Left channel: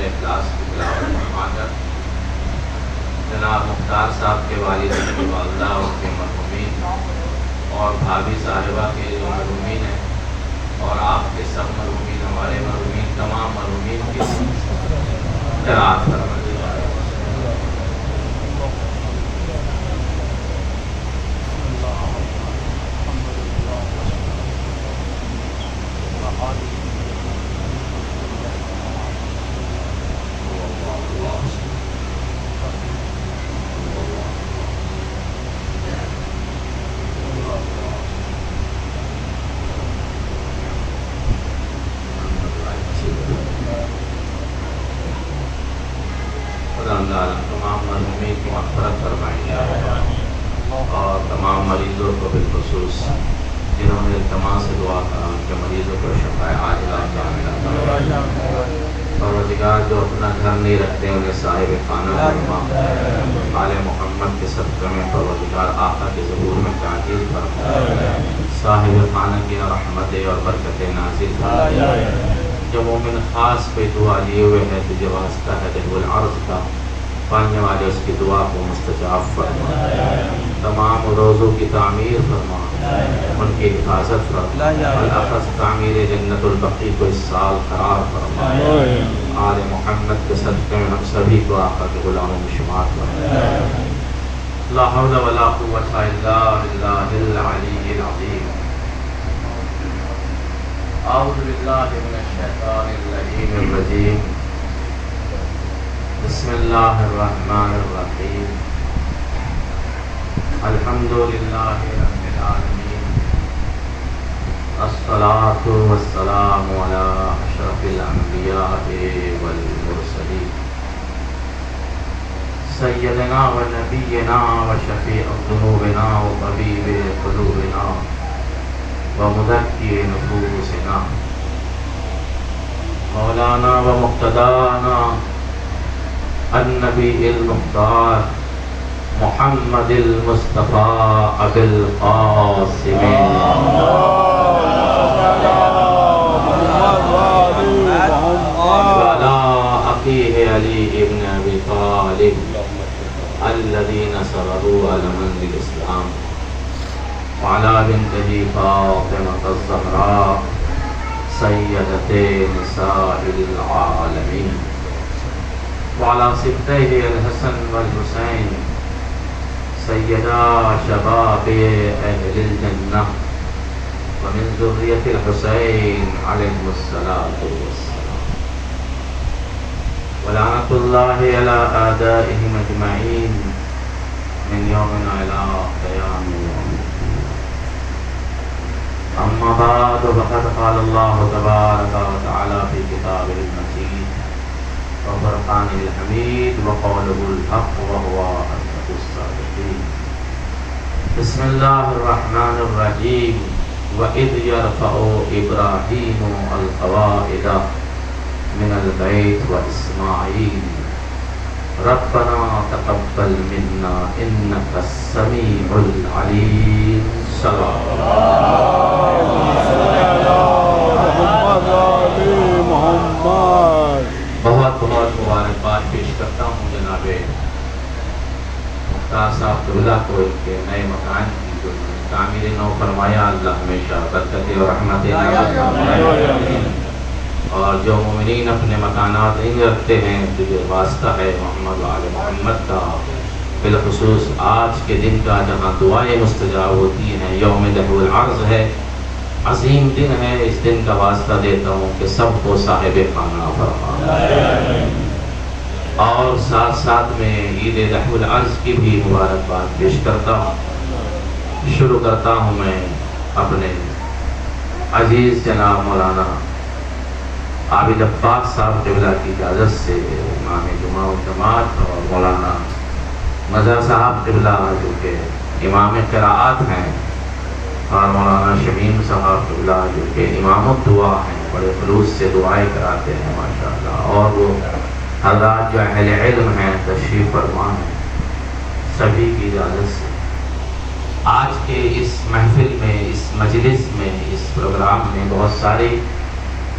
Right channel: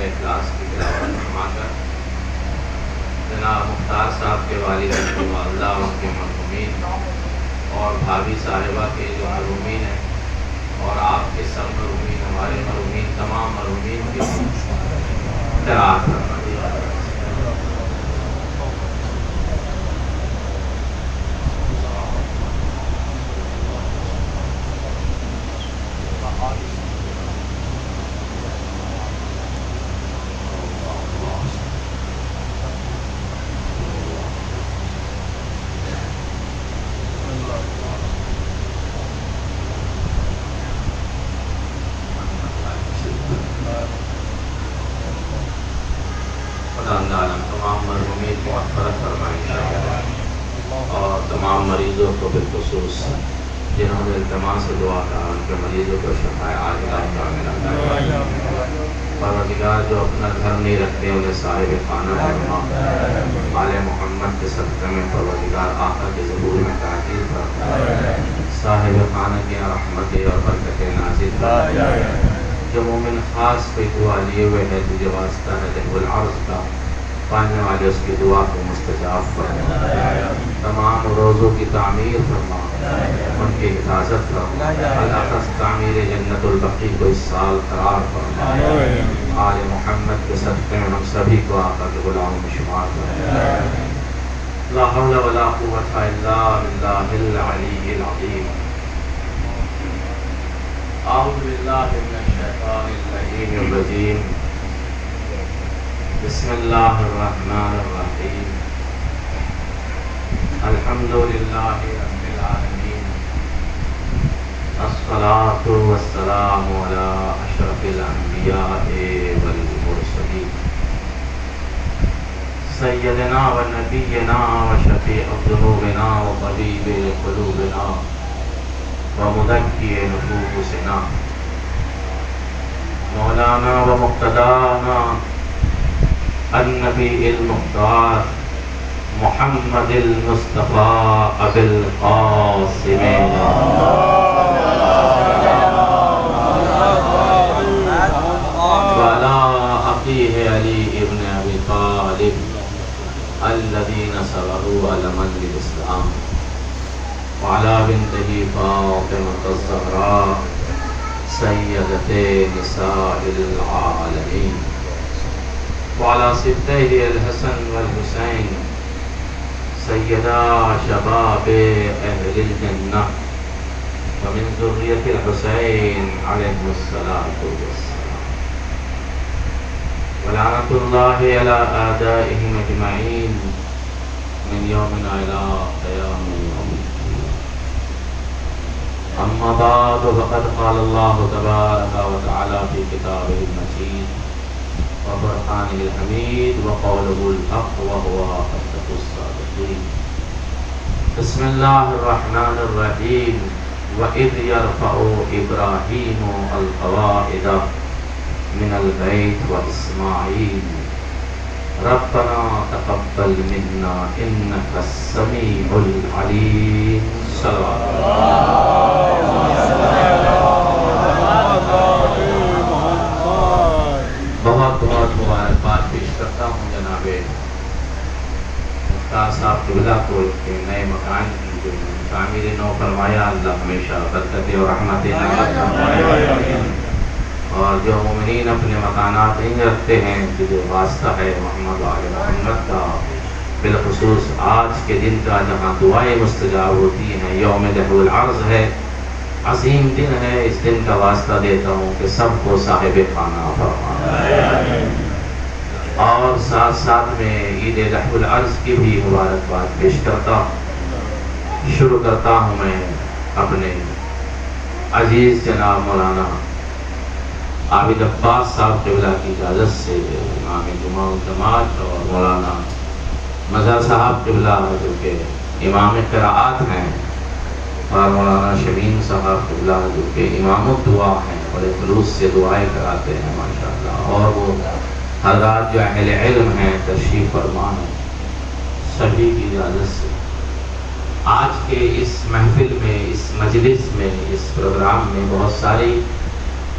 سورہ اخلاص کی تلاوت فرما کر جناب مختار صاحب کے والد کی والدہ اور ان کے مرحومین اور بھابھی صاحبہ کے جو مرحومین ہیں اور آپ کے سب مرحومین، ہمارے مرحومین، تمام مرحومین کی قرات فرما دیجیے۔ تمام مرحومین کی مغفرت فرمائیے اور تمام مریضوں کو بالخصوص جنہوں نے التماس سے دعا کرا ان کے مریضوں کو شفاء عاجلہ عطا فرمائے۔ پروردگار جو اپنا گھر نہیں رکھتے انہیں صاحب خانہ فرما، آل محمد کے صدقے میں پروردگار آقا کے ظہور میں تعجیل فرما، صاحب خانہ کی رحمتیں اور برکتیں نازل فرما۔ جو مومن خاص پہ دعا لیے ہوئے ہے تجھے واسطہ ہے جب العرض کا، پانے والے اس کی دعا کو مستجاب فرما، تمام روزوں کی تعمیر فرما، ان کی حفاظت فرما، بالاخص تعمیر جنت البقیع کو اس سال قرار فرما، آل محمد کے صدقے میں ہم سبھی کو آقا کے غلاموں میں شمار فرما۔ لا حول ولا قوة الا باللہ العلی العظیم۔ اعوذ باللہ من الشیطان اللعین الرجیم، بسم اللہ الرحمن الرحیم، الحمد للہ رب العالمین، الصلاة والسلام علی اشرف الانبیاء والمرسلین، سیدنا و نبینا و شفیع ذنوبنا و طبیب قلوبنا ومذکی نفوسنا، مولانا و مقتدانا النبی المختار محمد المصطفیٰ ابی القاسم وعلی اخیہ علی ابن ابی طالب الذین صبروا علما للاسلام، وعلى بنته فاطمة الزهراء سيدة نساء العالمين، وعلى سبتيه الحسن والحسين سيدا شباب أهل الجنة، ومن ذرية الحسين عليه الصلاة والسلام، ولعنة الله على أعدائهم أجمعين من يومنا إلى قيام يوم الدين۔ أما بعد فقد قال الله تبارك وتعالى في كتابه المجيد وفرقانه الحميد وقوله الحق وهو أصدق الصادقين۔ بسم الله الرحمن الرحيم، وإذ يرفع إبراهيم القواعد من البيت وإسماعيل ربنا تقبل منا إنك السميع العليم۔ صلوات بہت بہت مبارکباد پیش کرتا ہوں جناب مختار صاحب قبلہ کو کے نئے مکان کی جو تعمیر نو فرمایا، اللہ ہمیشہ برکتیں اور رحمتیں نازل فرمائے، اور جو مومنین اپنے مکانات نہیں رکھتے ہیں تو جو واسطہ ہے محمد و آل محمد کا، بالخصوص آج کے دن کا جہاں دعائیں مستجاب ہوتی ہیں، یوم دفع العرض ہے، عظیم دن ہے، اس دن کا واسطہ دیتا ہوں کہ سب کو صاحب خانہ فرما، اور ساتھ ساتھ میں عید دفع العرض کی بھی مبارکباد پیش کرتا ہوں۔ شروع کرتا ہوں میں اپنے عزیز جناب مولانا عابد عباس صاحب قبلہ کی اجازت سے، امام جمعہ و جماعت، اور مولانا مظہر صاحب قبلہ جو کہ امام قراءات ہیں، اور مولانا شمیم صاحب قبلہ جو کہ امام الدعا ہیں، بڑے خلوص سے دعائیں کراتے ہیں ماشاءاللہ، اور وہ حضرات جو اہل علم ہیں تشریف فرما ہیں، سبھی کی اجازت سے آج کے اس محفل میں، اس مجلس میں، اس پروگرام میں بہت ساری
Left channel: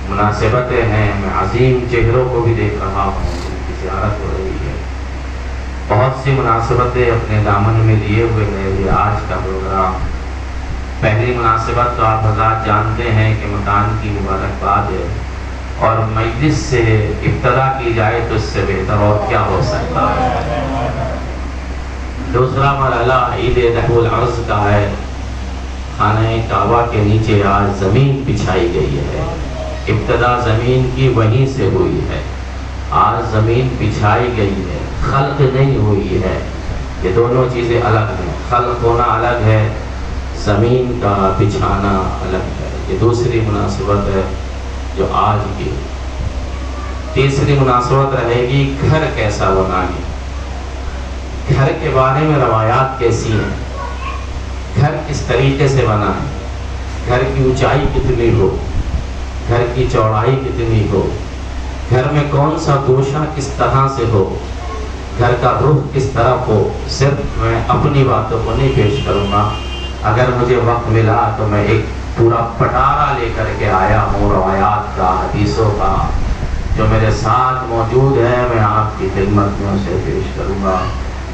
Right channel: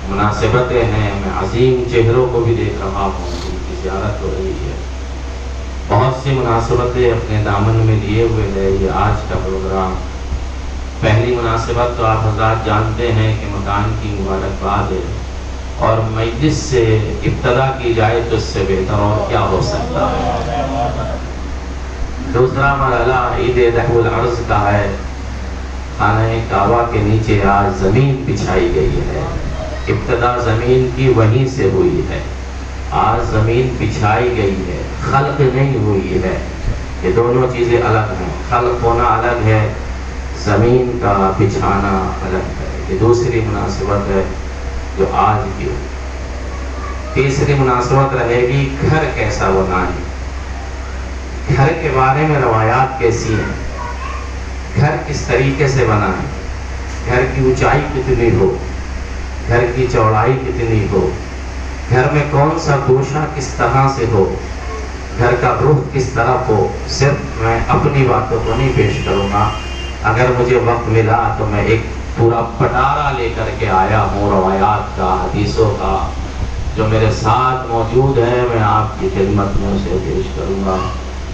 مناسبتیں ہیں، میں عظیم چہروں کو بھی دیکھ رہا ہوں، ان کی زیارت ہو رہی ہے، بہت سی مناسبتیں اپنے دامن میں لیے ہوئے ہے یہ آج کا پروگرام۔ پہلی مناسبت تو آپ حضرات جانتے ہیں کہ مکان کی مبارکباد ہے، اور مجلس سے ابتدا کی جائے تو اس سے بہتر اور کیا ہو سکتا ہے۔ دوسرا مرحلہ عید رحم العرض کا ہے، خانہ کعبہ کے نیچے آج زمین بچھائی گئی ہے، ابتدا زمین کی وہیں سے ہوئی ہے، آج زمین بچھائی گئی ہے، خلق نہیں ہوئی ہے، یہ دونوں چیزیں الگ ہیں، خلق ہونا الگ ہے، زمین کا بچھانا الگ ہے، یہ دوسری مناسبت ہے جو آج کی۔ تیسری مناسبت رہے گی گھر کیسا بنائیں، گھر کے بارے میں روایات کیسی ہیں، گھر کس طریقے سے بنائیں، گھر کی اونچائی کتنی ہو، گھر کی چوڑائی کتنی ہو، گھر میں کون سا گوشہ کس طرح سے ہو، گھر کا رخ کس طرف ہو۔ صرف میں اپنی باتوں کو نہیں پیش کروں گا، اگر مجھے وقت ملا تو میں ایک پورا پٹارا لے کر کے آیا ہوں روایات کا، حدیثوں کا، جو میرے ساتھ موجود ہے، میں آپ کی خدمت میں اسے پیش کروں گا۔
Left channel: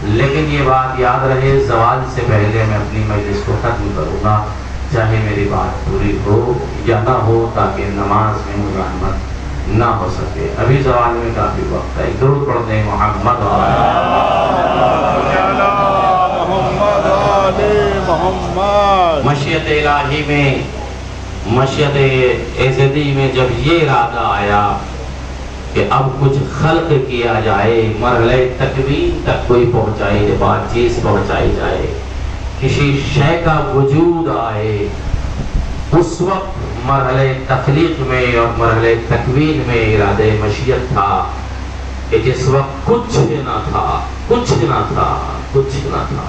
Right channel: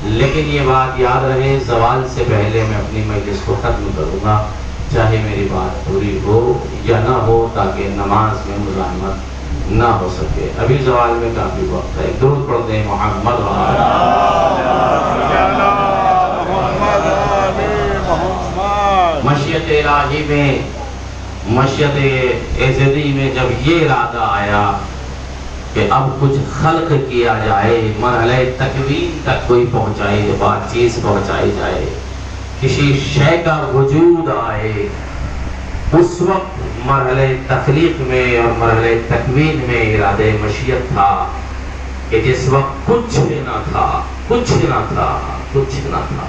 لیکن یہ بات یاد رہے، زوال سے پہلے میں اپنی مجلس کو ختم کروں گا، چاہے میری بات پوری ہو یا نہ ہو، تاکہ نماز میں مزاحمت نہ ہو سکے۔ ابھی زوال میں کافی وقت ہے، درود پڑھ دیں محمد مشیت الہی میں، مشیت ایزدی میں جب یہ ارادہ آیا کہ اب کچھ خلق کیا جائے، مرحلہ تکوین تک کوئی پہنچائی بات چیز پہنچائی جائے، کسی شے کا وجود آئے، اس وقت مرحلہ تخلیق میں اور مرحلہ تکوین میں ارادہ مشیت تھا کہ جس وقت کچھ نہ تھا، کچھ نہ تھا، کچھ نہ تھا،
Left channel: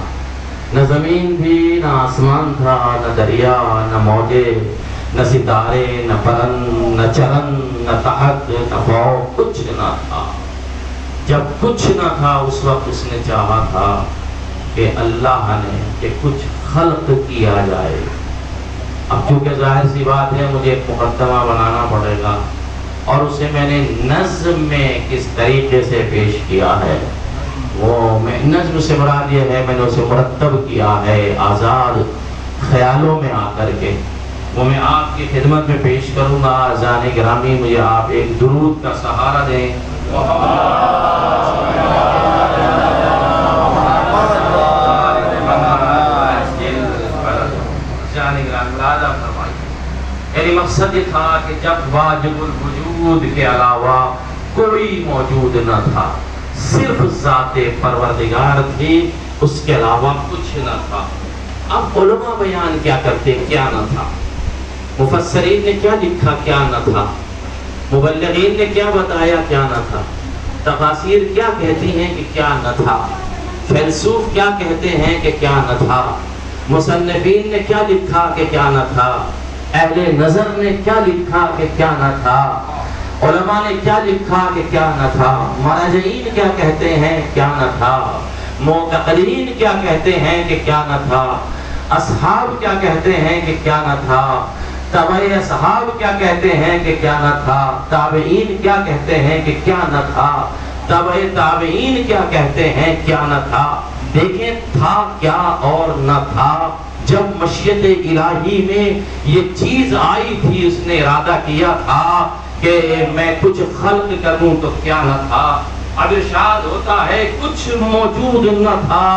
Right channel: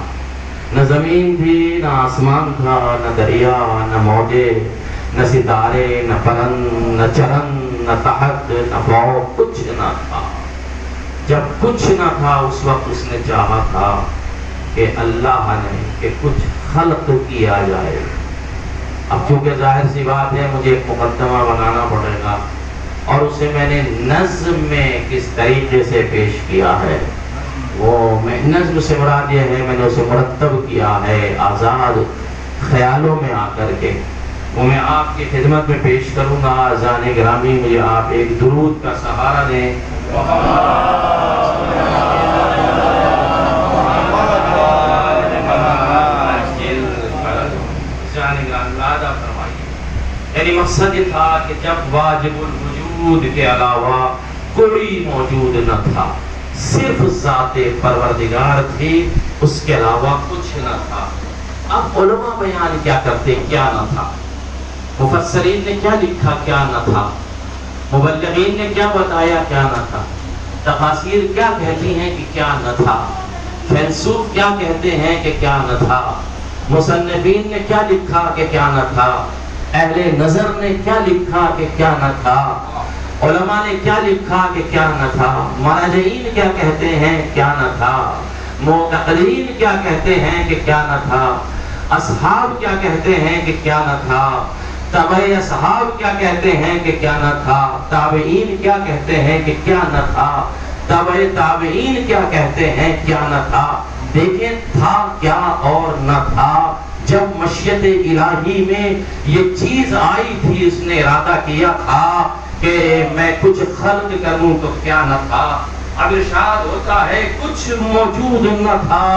نہ زمین تھی، نہ آسمان تھا، نہ دریا، نہ موجے، نہ ستارے، نہ پرند، نہ چرند، نہ تحت، نہ فوق، کچھ نہ تھا۔ جب کچھ نہ تھا اس وقت اس نے چاہا تھا کہ اللہ نے کہ کچھ خلق کیا جائے۔ اب چونکہ ظاہر سی بات ہے مجھے ایک مقدمہ بنانا پڑے گا، اور اسے میں نے نظم میں کس طریقے سے پیش کیا ہے، وہ نظم سے مراد یہ ہے میں نے اسے مرتب کیا ہے آزاد خیالوں میں آ کر کے، وہ میں آپ کی خدمت میں پیش کروں گا۔ اذان گرامی مجھے آپ ایک درود کا سہارا دیں، یعنی مقصد یہ تھا کہ جب واجب الوجود کے علاوہ کوئی موجود نہ تھا، صرف ذات پروردگار تھی، اس کے علاوہ کچھ نہ تھا۔ اب علماء بیان کیا کرتے کیا نہ تھا، مفسرین نے کیا لکھا کیا نہ تھا، مبلغین نے کیا بتایا کیا نہ تھا، تفاسیر کیا کہتی ہیں کہ کیا نہ تھا، فیلسوف کیا کہتے ہیں کہ کیا نہ تھا، مصنفین نے کیا لکھا کہ کیا نہ تھا، اہل نظر نے کیا لکھا کہ کیا نہ تھا، علماء نے کیا لکھا کہ کیا نہ تھا، مراجعین کیا کہتے ہیں کیا نہ تھا، معتقلین کیا کہتے ہیں کہ کیا نہ تھا، اصحاب کیا کہتے ہیں کہ کیا نہ تھا، تبع اصحاب کیا کہتے ہیں کہ کیا نہ تھا، تابعین کیا کہتے ہیں کہ کیا نہ تھا، تبع تابعین کیا کہتے ہیں کیا نہ تھا۔ دیکھیں تھا کیا اور نہ تھا۔ جب مشیت الہی میں یہ چیز آئی تھی، اس نے ارادہ کیا تھا کہ میں کچھ خلق کروں تو کیا نہ تھا۔ اب ارشاد ہوتا ہے کچھ موجود نہ تھا،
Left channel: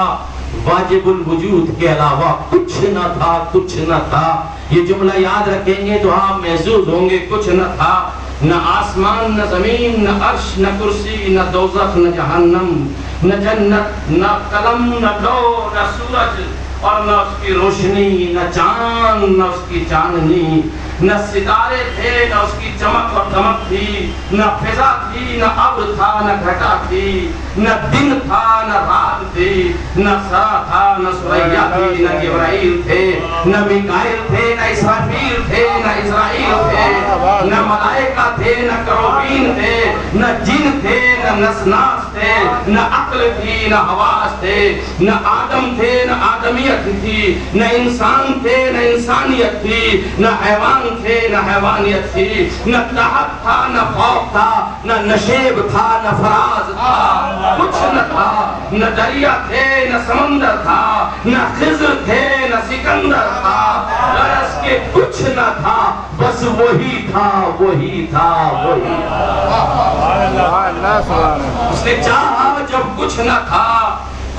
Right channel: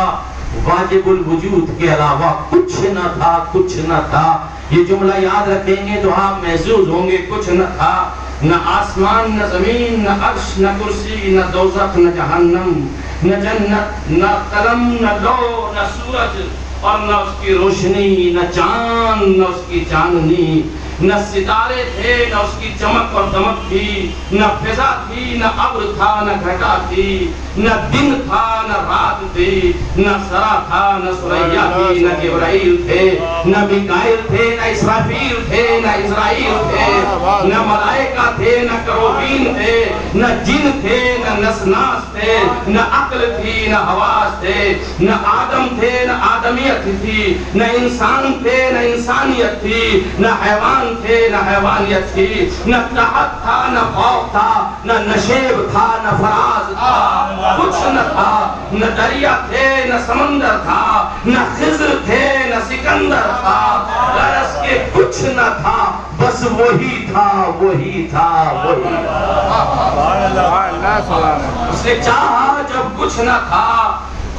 واجب الوجود کے علاوہ کچھ نہ تھا، کچھ نہ تھا۔ یہ جملہ یاد رکھیں گے تو آپ محظوظ ہوں گے، کچھ نہ تھا، نہ آسمان، نہ زمین، نہ عرش، نہ کرسی، نہ دوزخ، نہ جہنم، نہ جنت، نہ قلم، نہ لوح، نہ سورج اور نہ اس کی روشنی، نہ چاند، نہ اس کی چاندنی، نہ ستارے تھے، نہ اس کی چمک اور دمک تھی، نہ فضا تھی، نہ ابر تھا، نہ گھٹا تھی، نہ دن تھا، نہ رات تھی، نہ سرا تھا، نہ سریا تھی، نہ جبرائیل تھے، نہ میکائیل تھے، نہ اسرافیل تھے، نہ اسرائیل تھے، نہ ملائکہ تھے، نہ کروبین تھے، نہ جن تھے، نہ نسناس تھے، تھے، نہ عقل تھی، نہ حواس تھے، نہ آدم تھے، نہ آدمیت تھی، نہ انسان تھے، نہ انسانیت تھی، نہ حیوان تھے، نہ حیوانیت تھی، نہ قحط تھا، نہ خوف تھا، نہ نشیب تھا، نہ فراز تھا، کچھ نہ تھا، نہ دریا تھے، نہ سمندر تھا، نہ خضر تھے، نہ سکندر تھا، درس کے کچھ نہ تھا، بس وہی تھا، وہی تھا، وہی اس نے چاہا جب کچھ نہ تھا،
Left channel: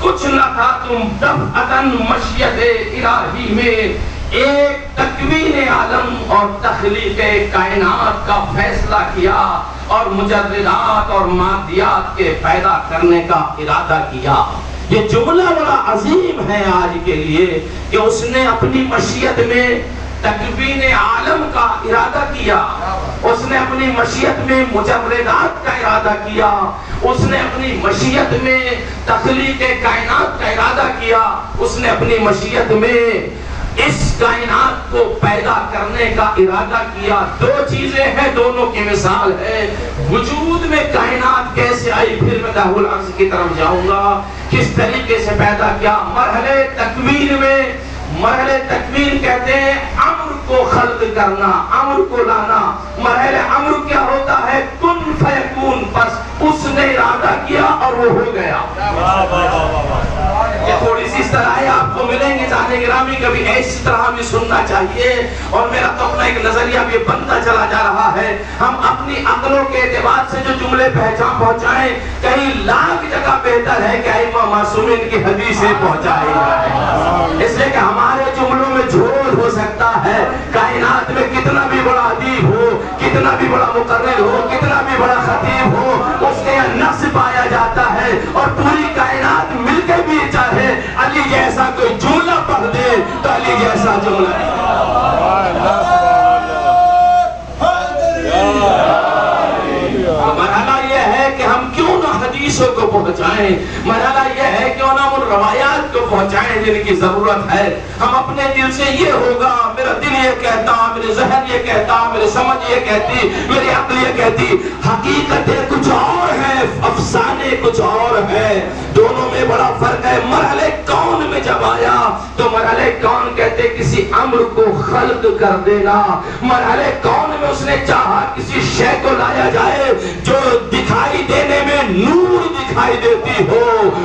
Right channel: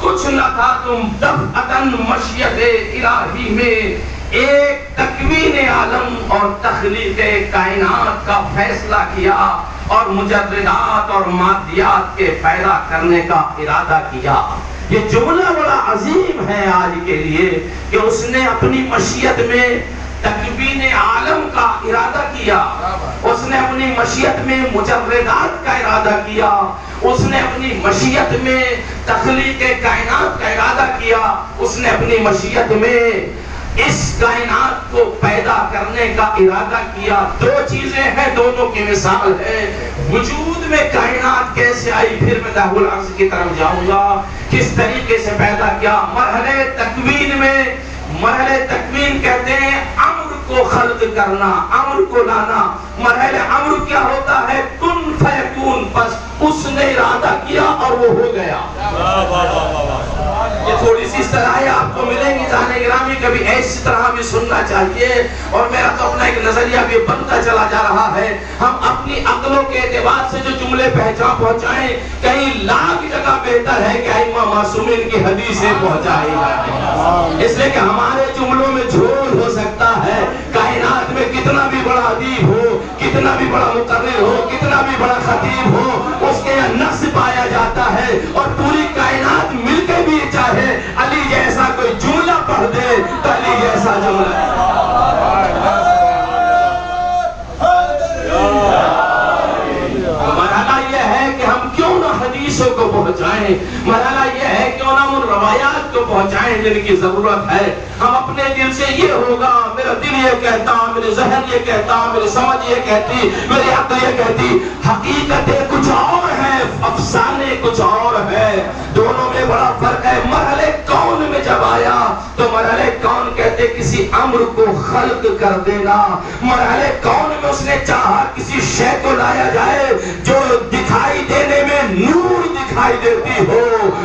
کچھ نہ تھا، تم دفعتاً مشیت الہی میں ایک تکوین عالم اور تخلیق کائنات کا فیصلہ کیا اور مجردات اور مادیات کے پیدا کرنے کا ارادہ کیا۔ یہ جملہ بڑا عظیم ہے آج کے لیے کہ اس نے اپنی مشیت میں تکوین عالم کا ارادہ کیا، اس نے اپنی مشیت میں مجردات کا ارادہ کیا، اس نے اپنی مشیت میں تخلیق کائنات کا ارادہ کیا، اس نے اپنی مشیت میں اس کائنات کو پیدا کرنے کا ارادہ کیا۔ دو چیزیں ہیں، دونوں کی مثال ہے۔ وجود میں کائنات کیسے آئی، پھر میں داہ العرض کی طرف جاؤں گا، کس طریقے سے پیدا کیا۔ مرحلے تکوین میں، مرحلے تکوین کہتے ہیں امر کو خلق کرنا، امر کو لانا۔ مرحلہ امر کیا ہوتا ہے؟ کن فیکون، بس اس نے ارادہ کیا اور وہ ہو گیا۔ یہ تھوڑی سی اصطلاحیں آپ کو ملیں گی جانے گرامی، کبھی ایسی طرح بھی سننا چاہیے، اور میرا تو اپنا ایک نظریہ بھی بنتا چلا جا رہا ہے۔ ہم اپنی عقلوں کے اعتبار سے جو جملے پہنچائیں، کہیں لاکھ جگہ بہتر ہے کہ ائمہ معصومین کی حدیثیں پہنچائی جائیں، اس لیے کہ ہمارے جملوں میں جھول ہو سکتا ہے۔ کائنات میں کتنا بھی بڑا ادیب ہو، کتنا بھی بڑا مقرر ہو، کتنا بھی بڑا خطیب ہو، اس کے یہاں نقص پایا جاتا ہے، اور پوری کائنات مل کے بھی چاہے علی جیسا کوئی جملہ پڑھ دے تو علی جیسا جملہ ہے۔ مرحلہ یہ ہے کہ ہم کیوں نہ حدیثوں کو پہنچائیں، مرحلہ یہ ہے کیوں نہ ان روایات کو پہنچائیں جن کی ضرورت ہے۔ ہم اپنے دل سے یہ ہوگا، میرا دل یہ کہتا، میرے ذہن یہ کہتا، میری سمجھ یہ کہتی، میری عقل یہ کہتی، حقیقتیں کچھ اور ہے، افسانے کچھ اور ہے، دونوں میں بڑا فرق ہے۔ مرحلے کون میں جب آیا تو مرحلے کون کہتے کسی امر کو خلق کر دینا۔ مرحلے کون میں اس نے چاہا کسی شے کو لایا جائے جو دکھائی دینے میں نور دکھائی دیتی ہو،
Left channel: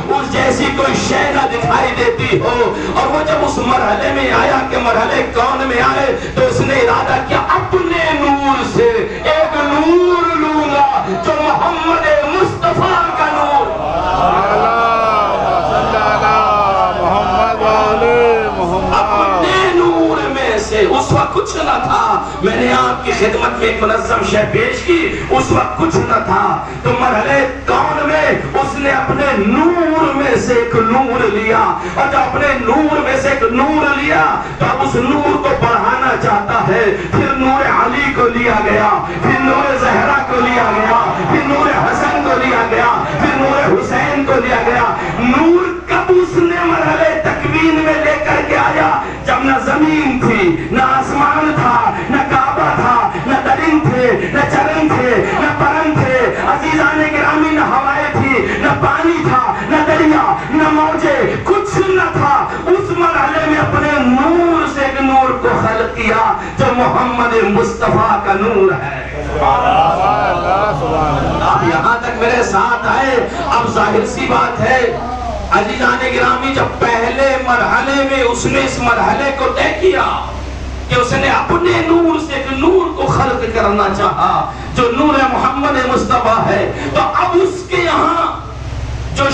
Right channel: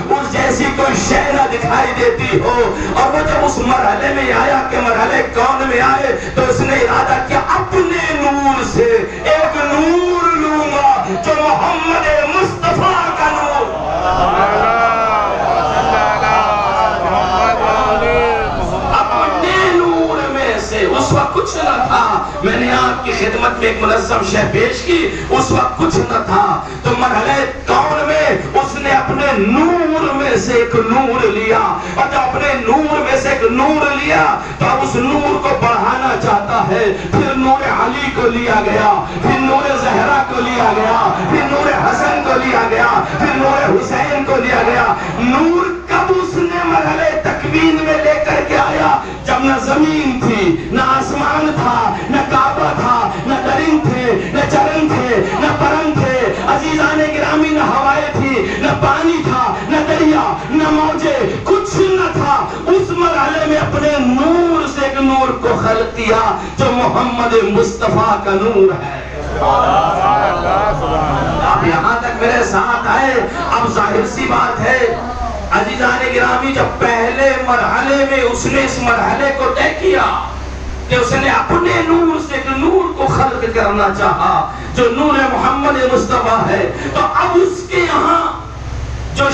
اس جیسی کوئی شے نہ دکھائی دیتی ہو، اور وہ جب اس مرحلے میں آیا کہ مرحلے کون میں آئے تو اس نے ارادہ کیا اپنے نور سے ایک نور لوں گا جو محمد مصطفیٰ کا نور۔ اپنے نور میں سے، اس وقت کچھ نہ تھا، میں نے آپ کی خدمت میں ایک منظم شے پیش کی، اس وقت کچھ نہ تھا، تو مرحلے کون میں اس نے اپنے نور میں سے ایک نور لیا، اور جب اپنے نور میں سے ایک نور لیا تو اب اس نور کو بڑھانا چاہتا ہے، پھر نور علی کو لیا گیا، پھر نور زہرا کو لیا گیا، پھر نور حسن کو لیا گیا، پھر نور حسین کو لیا گیا۔ نور کب اس نے مرحلے تکوین میں لے کر کے آیا؟ جب نہ زمین تھی، نہ آسمان تھا، نہ کعبہ تھا، نہ درند تھے، نہ چرند تھے، نہ پرند تھے، عزیزان گرامی، نہ ہوائیں تھی، نہ پانی تھا، نہ دریا، نہ موجے، کچھ نہ تھا۔ اس مرحلے میں اپنے نور سے ایک نور کو خلق کیا جو محمد مصطفیٰ کا نور ہے۔ آپ یہاں تک میرے ساتھ آئے، اب ظاہر سی بات ہے عزیزان گرامی، جب پہلے مرحلے میں اس نے اس مرحلے کو طے کیا کہ اس نے اپنے نور سے ایک نور کو خلق کرنا چاہا جو نور محمد مصطفیٰ ہے، تو اب اس کے یہاں جو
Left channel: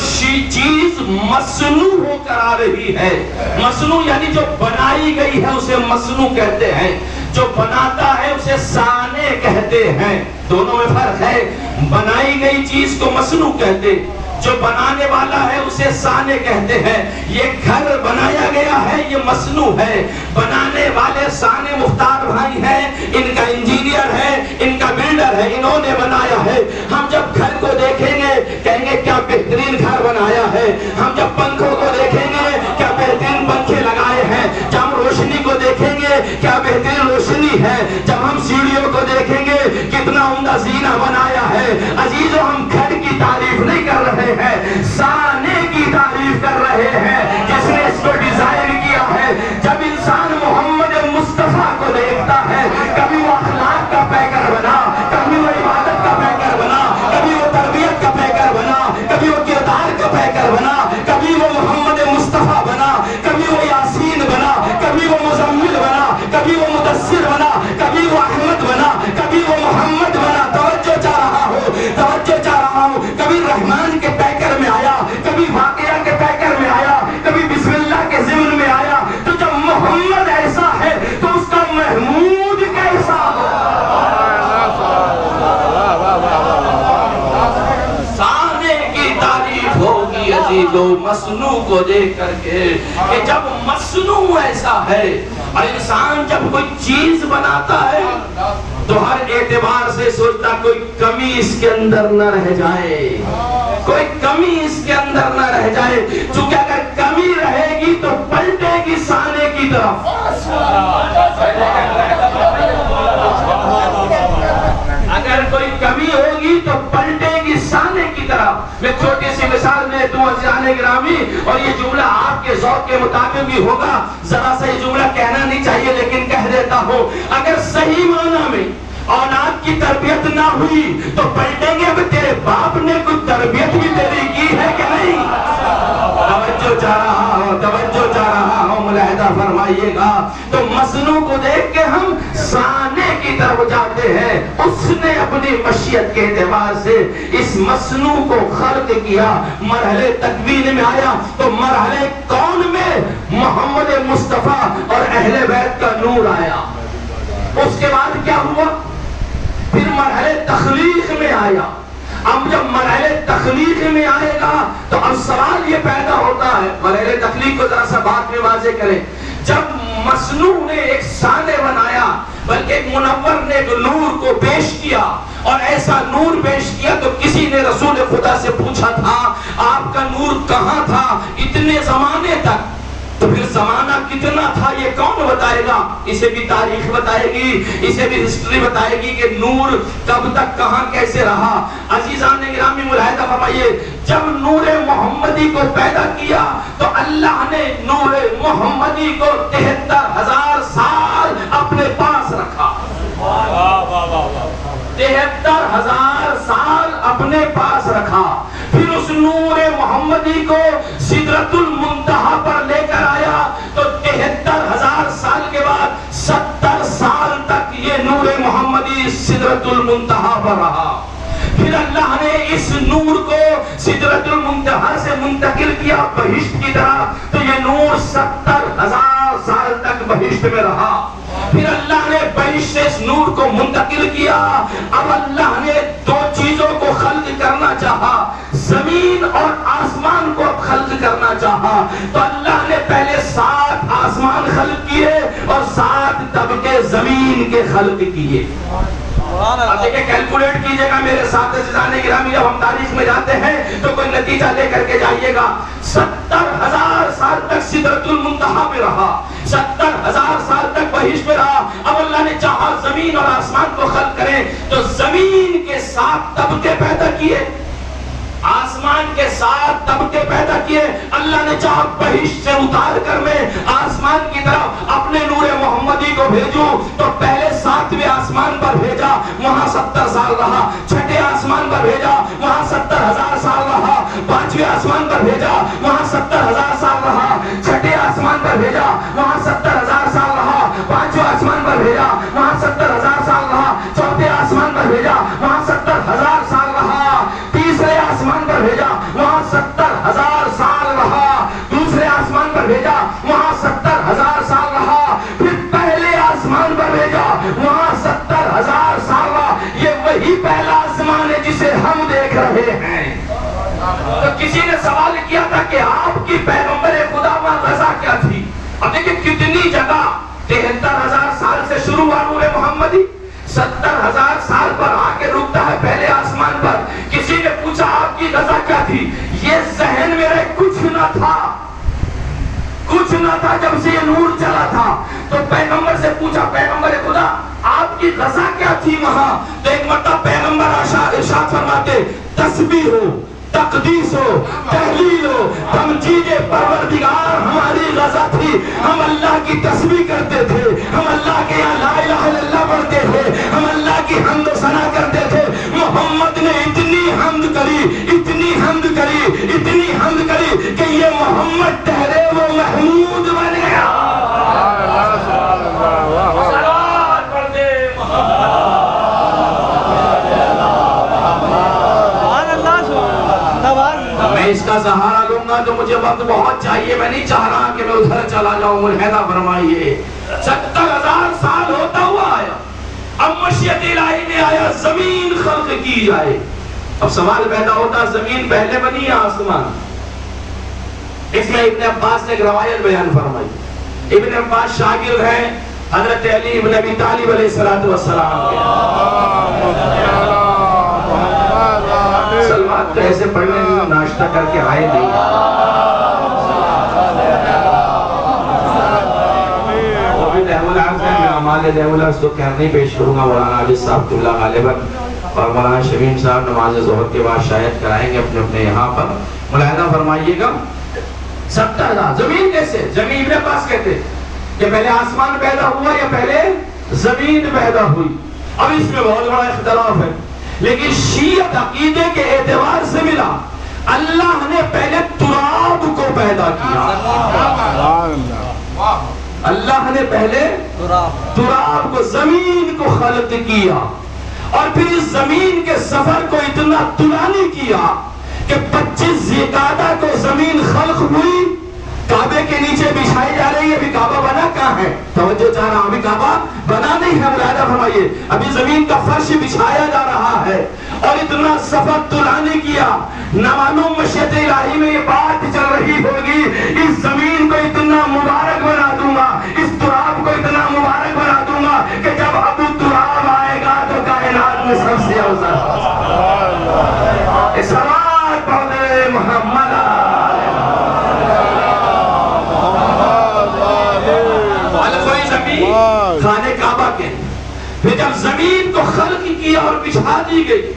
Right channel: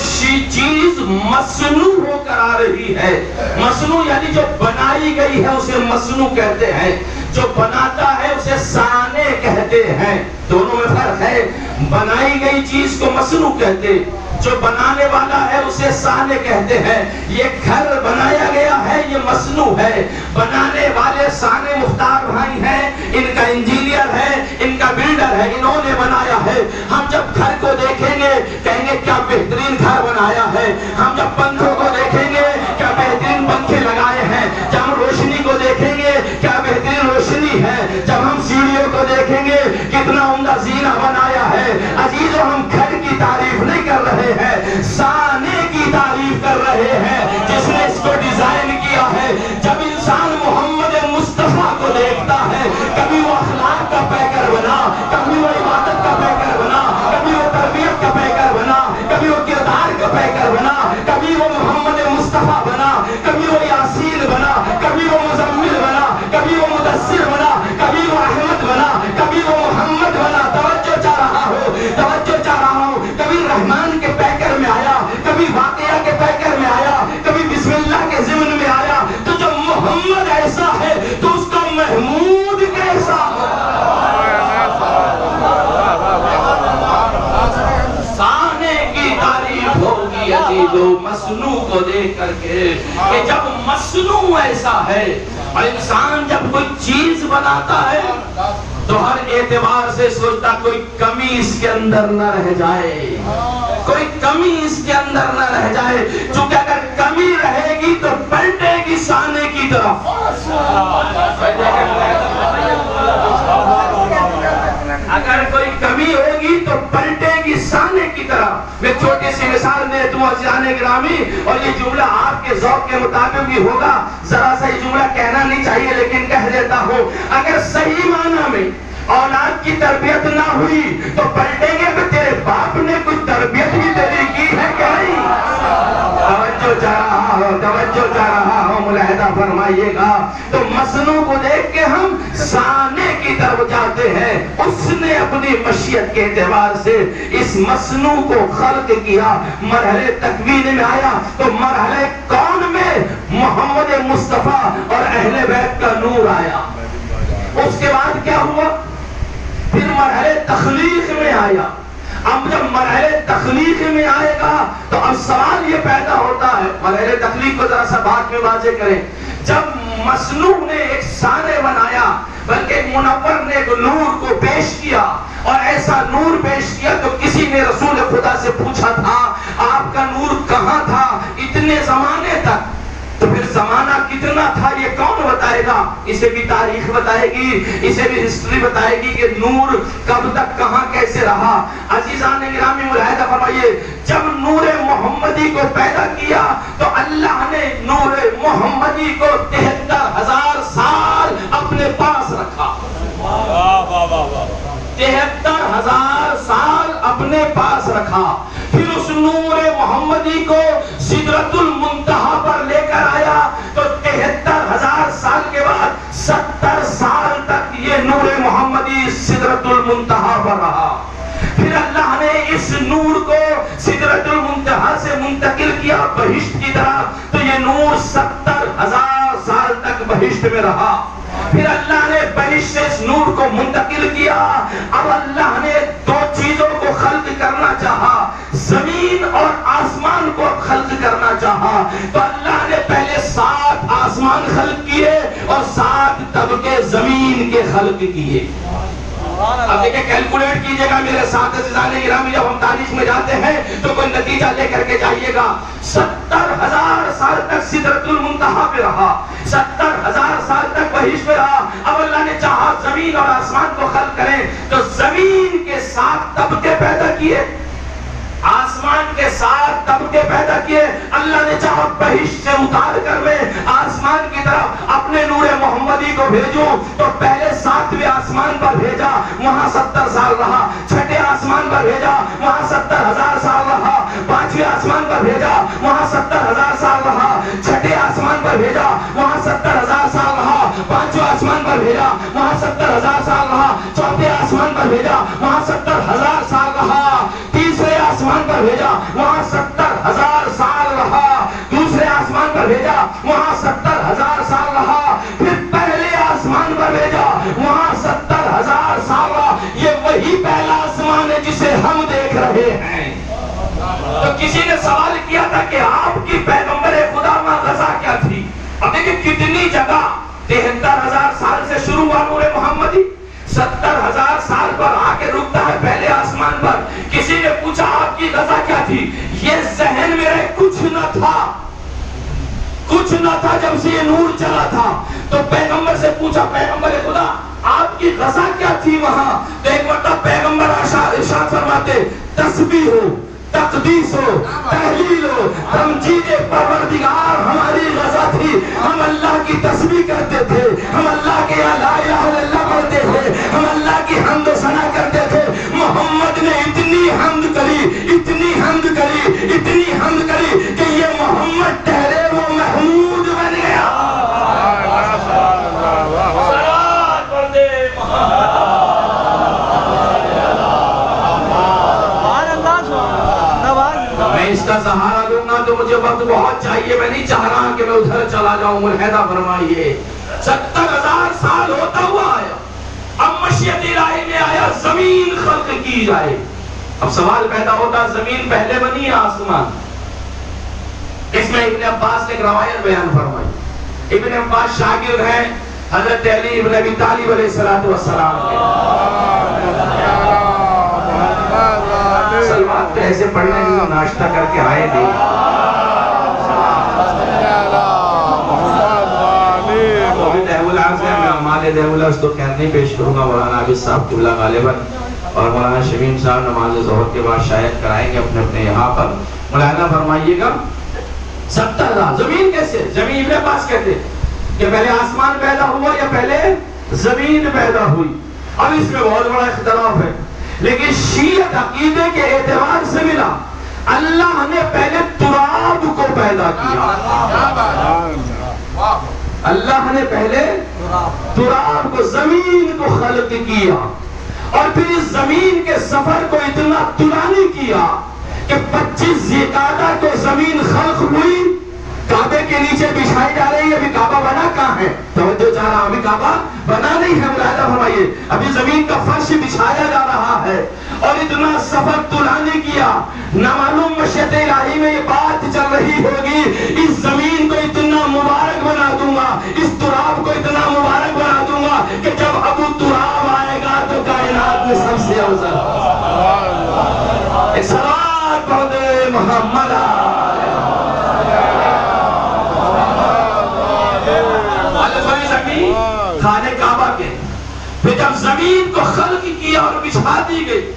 چیز مصنوع ہو کر آ رہی ہے، مصنوع یعنی جو بنائی گئی ہے اسے مصنوع کہتے ہیں، جو بناتا ہے اسے صانع کہتے ہیں، دونوں میں فرق ہے۔ بنائی گئی چیز کو مصنوع کہتے، جو بنانے والا ہے اسے صانع کہتے ہیں۔ یہ گھر بنایا گیا ہے، یہ مصنوع ہے، بنانے والے صانع مختار بھائی ہیں، ان کا انجینئر ہے، ان کا بلڈر ہے، انہوں نے بنایا ہے۔ ہم جب گھر کو دیکھیں گے کہیں گے کیا بہترین گھر بنایا ہے، ہم جب پنکھوں کو دیکھیں گے کیا بہترین پنکھے لگائے ہیں، جب ہم روشنی کو دیکھیں گے کیا بہترین روشنی ہے، جب ہم سیڑھیوں کو دیکھیں گے کتنا عمدہ زینہ بنایا ہے۔ عزیزو، ہم گھر کی تعریف نہیں کر رہے ہیں، گی دو مصنوع کو دیکھ کر کے کہ جب مصنوع ایسا ہے اور انسان جب کوئی چیز بناتا ہے تو ہر اعتبار سے سوچتا کوئی کمی اس کے اندر نہ رہ جائے، کوئی کمی اس کے اندر نہ رہ جائے، چونکہ اگر کمی رہے گی تو پلٹے گی سانے کی طرف۔ اگر کوئی کمی ہوگی تو پلٹے گی سانے کی طرف۔ میں چھوٹی سی مثال دیتا ہوں عزیزان گرامی، اور یہ جملہ آپ کے ذوق کے مطابق بھی ہوگا، ذرا سا یہ جملہ کہنا نہیں چاہیے لیکن کہہ دیتا ہوں۔ اگر صحیح معنی میں اولاد کی تربیت نہ ہوئی تو پلٹیں گے، تیرے باپ نے کوئی تربیت بھی تیری کی ہے کہ نہیں؟ توجہ چاہ رہا ہو ملاحظہ فرمائیے گا۔ تو مصنوع کو دیکھ کے ہم سانے کی طرف جاتے ہیں۔ اس نے اپنی مشیت کے اعتبار سے اس مصنوع کو خلق کیا، مرحلے تکوین میں آیا تو مرحلے کون میں محمد مصطفیٰ اور اہل بیت کا نور آیا۔ اس کے بعد کیا ہوا؟ پھر مرحلے تخلیق میں آیا۔ اب جب مرحلے تخلیق میں آئے گا تو اب سوال یہ پیدا ہوتا ہے، مرحلے تخلیق کو ذرا سا بات میں واضح کریں۔ جب مصنوع نے ایک سانے بنایا، بلکہ ایک منور نے ایک نور کو پیش کیا، اور ایسا نور پیش کیا تو کسی نے رسول خدا سے پوچھا تھا آپ کا نور کہاں تھا اتنے زمانے تک؟ تو پھر زمانہ کتنا تھا یہ کون بتائے گا؟ اسے بھی تاریخ بتائے گی، اسے بھی ہسٹری بتائے گی کہ نور کب تک کہاں کیسے رہا۔ عزیزان گرامی ملاحظہ فرمائیے، جب نور محمدی کو پیدا کیا تو اللہ نے نور محمدی کو 73,000 سال اپنے پاس رکھا۔ 73,000 سال اپنے پاس رکھا۔ پھر اس نور محمدی کو سدرۃ المنتہا پر لے کر آیا تو 73,000 سال کے بعد 70 سال تک یہ نور محمدی سدرۃ المنتہا پر رہا۔ پھر اللہ نے اس نور کو سدرۃ المنتہا سے منتقل کیا بہشت کی طرف، تو یہ نور 70,000 سال تک بہشت میں رہا۔ پھر اللہ نے بہشت سے اس نور کو منتقل کیا۔ اب اللہ نے دو چیزوں کو خلق کرنا چاہا، زمین اور آسمان کو خلق کرنا چاہا، تو اللہ نے پہلے 7 آسمان خلق کیے اور 7 طبقے زمین کے خلق کیے۔ اب دیکھیں کیلکولیٹ کیجئے گا میرے ساتھ عزیزان گرامی، جب ہم تاریخ میں جاتے ہیں تو کوئی نتیجہ لے کر کے جائیے گا۔ 70,000 سال تک سدرۃ المنتہا پہ رہا، 70,000 سال تک بہشت میں رہا۔ اب اللہ نے چاہا زمین اور آسمان کو خلق کریں تو زمین کے 7 طبقے پیدا کیے، آسمان کے 7 طبقے پیدا کیے۔ اللہ نے چاہا بہشت سے اتار کر میں آسمان کی طرف اپنے نور محمدی کو بھیجوں تو پہلے 7ویں آسمان پر بھیجا، وہاں 70 سال رہا۔ چھٹے آسمان پر بھیجا، وہاں 70,000 سال رہا۔ 5ویں آسمان پر بھیجا، وہاں 70,000 سال رہا۔ چھٹے آسمان پر بھیجا، وہاں 70,000 سال رہا۔ 5ویں آسمان پر بھیجا، وہاں 70,000 سال رہا۔ چوتھے آسمان پر بھیجا، وہاں 70,000 سال رہا۔ تیسرے آسمان پر بھیجا، وہاں 70,000 سال رہا۔ دوسرے آسمان پر بھیجا، وہاں 70,000 سال رہا۔ پھر پہلے آسمان پر بھیجا، وہاں 70,000 سال رہا۔ یہ وہی پہلا آسمان ہے جسے ہم دیکھ رہے ہیں۔ تو کسی نے سوال کیا تھا کہ آپ کی پیغمبر خدا ماں غزہ کیا تھی؟ اب دیکھیں کتنی جگہ 73,000 سال سے شروع ہوا نور محمدی، 70,000 سال پر آ کے رکتا ہے پہلے آسمان پر۔ کسی نے پوچھا آپ کی غزہ کیا تھی؟ یہ ذہن میں رہے کچھ نہ تھا، کچھ نہ تھا جب سے یہ نور چلا تھا۔ تو پیغمبر سے پوچھا پیغمبر خدا آپ کی غزہ کیا تھی وہاں؟ تو ایک مرتبہ پیغمبر ارشاد فرماتے تسبیح ہو، تقدیس ہو، تحلیل ہو، تمجید پروردگار ہماری غزہ تھی۔ ہم اللہ کی تسبیح کرتے تھے، ہم اللہ کے لا الہ الا اللہ پڑھتے تھے، ہم اللہ کی حمد و ثنا کرتے تھے۔ محمد نے اتنی حمد کری، اتنی حمد کری، اتنی حمد کری کہ یہ محمد ٹھہرے وہ محمود بن گیا۔ صلوات پڑھ دے میں اس کا سہارا دوں گا تو مجھے وقت بہت چاہیے، میں نہیں چاہ رہا کہ میں ادھر چلا جاؤں۔ ملاحظہ فرمائیے 70,000 سال ہوتا ہوا آیا، اب مشیت الہی میں آیا زمین خلق کی جائے۔ اب سوال پیدا ہوتا زمین پہلے بنی یا آسمان؟ اس میں ابن عباس نے ایک روایت بیان فرمائی. ابن عباس شاگرد ہیں حضرت علی ابن ابی طالب علیہ السلام کے. سلوات تو ایسے پڑھنے میں ناشتہ کر کے آئے نہیں. وہ بھی دہولہ سے مال دہولہ اس تو خیر نہیں پیش کروں گا. مولانا عابد صاحب قبلہ غالباً اور مولانا شمیم صاحب نماز ظہر کے بعد شاید کرائیں گے اپنے اپنے یہاں پر. ملاحظہ فرمائیے گا 70,000 زمین کیسے؟ زمین ابن عباس کہتے کہ پہلے آسمان پیدا ہوا یا پہلے زمین پیدا ہوئی. اب اس میں بہت بڑا اختلاف ہے لیکن شیعہ عقیدے کے اعتبار سے ملا اللہ نے پہلے تراب کو پیدا کیا. اللہ نے پہلے تراب کو زمین کو خلق کیا اور پھر اس زمین کے سفر کو اتنا طولانی کیا کہ 25 ذیقعدہ کو زمین خلق ہوئی. کعبے کے نیچے بچھائی جا رہی ہے. ابھی کعبہ بنا کہاں ہے؟ توجہ چاہ رہا ہوں. ابھی کعبہ بنا نہیں ہے. ملاحظہ فرمائیے ابھی زمین کا فرش بچھایا جا رہا ہے اور اتنا سفر طولانی کیا. نہ معلوم مشیت الہی میں یہ بات چل رہی ہوگی اس زمین کو اتنا مبارک بنا دوں گا, اس تراب کو اتنا مبارک بنا دوں گا کہ جب ابو تراب آئے گا تو کائنات میں سب سے افضل. صلوات پڑھ دے محمد. خانہ کعبہ کے پھر جب زمین کو خلق کیا اور بچھا دی گئی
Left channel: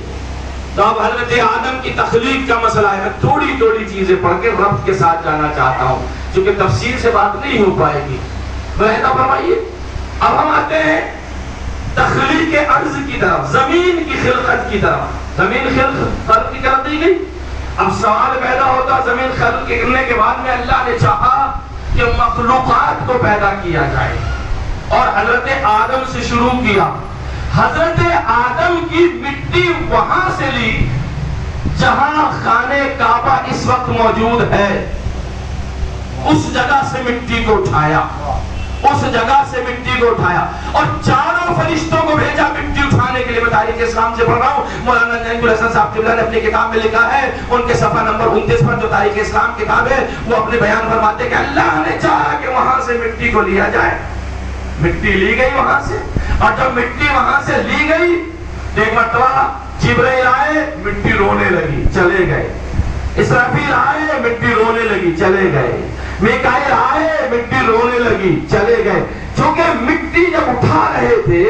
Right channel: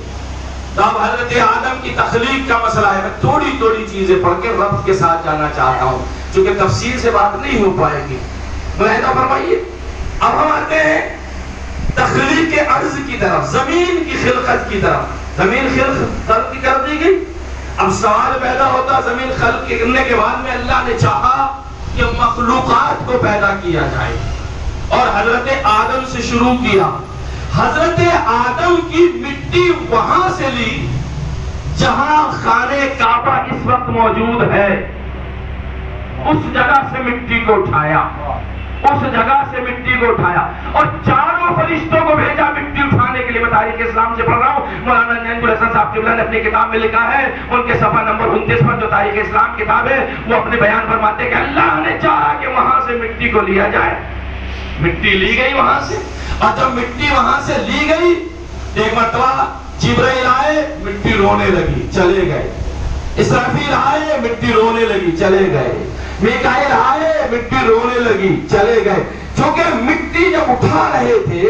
تو اب حضرت آدم کی تخلیق کا مسئلہ ہے. تھوڑی چیزیں پڑھ کے ربط کے ساتھ جانا چاہتا ہوں چونکہ تفصیل سے بات نہیں ہو پائے گی. ملاحظہ فرمائیے اب ہم آتے ہیں تخلیق ارض کی طرف, زمین کی خلقت کی طرف. زمین خلق کی طرف دی گئی. اب سوال پیدا ہوتا زمین خلق کرنے کے بعد میں اللہ نے چاہا کہ مخلوقات کو پیدا کیا جائے اور حضرت آدم سے شروع کیا. حضرت آدم کی مٹی وہاں سے لی جہاں خانہ کعبہ اس وقت موجود ہے. اس جگہ سے مٹی کو اٹھایا, اس جگہ سے مٹی کو اٹھایا اور چاروں فرشتوں کو بھیجا مٹی اٹھانے کے لیے. میں تاریخ اسلام سے پڑھ رہا ہوں. مولانا نعیم الحسن صاحب قبلہ نے اپنی کتاب میں لکھا ہے, ان کے صفحہ نمبر 29 پر جو تاریخ اسلام کتاب ہے وہ اپنے بیان فرماتے ہیں کہ اللہ نے چاہا کہ وہاں سے مٹی کو لیا جائے. مٹی لی گئی وہاں سے اور جب مٹی وہاں سے لی گئی ایک مرتبہ جبرائیل آئے, مٹی رونے لگی, چلے گئے. اسرافیل آئے, مٹی رونے لگی, چلے گئے. میکائیل آئے, مٹی رونے لگی, چلے گئے. چونکہ مٹی جب اٹھا رہے تھے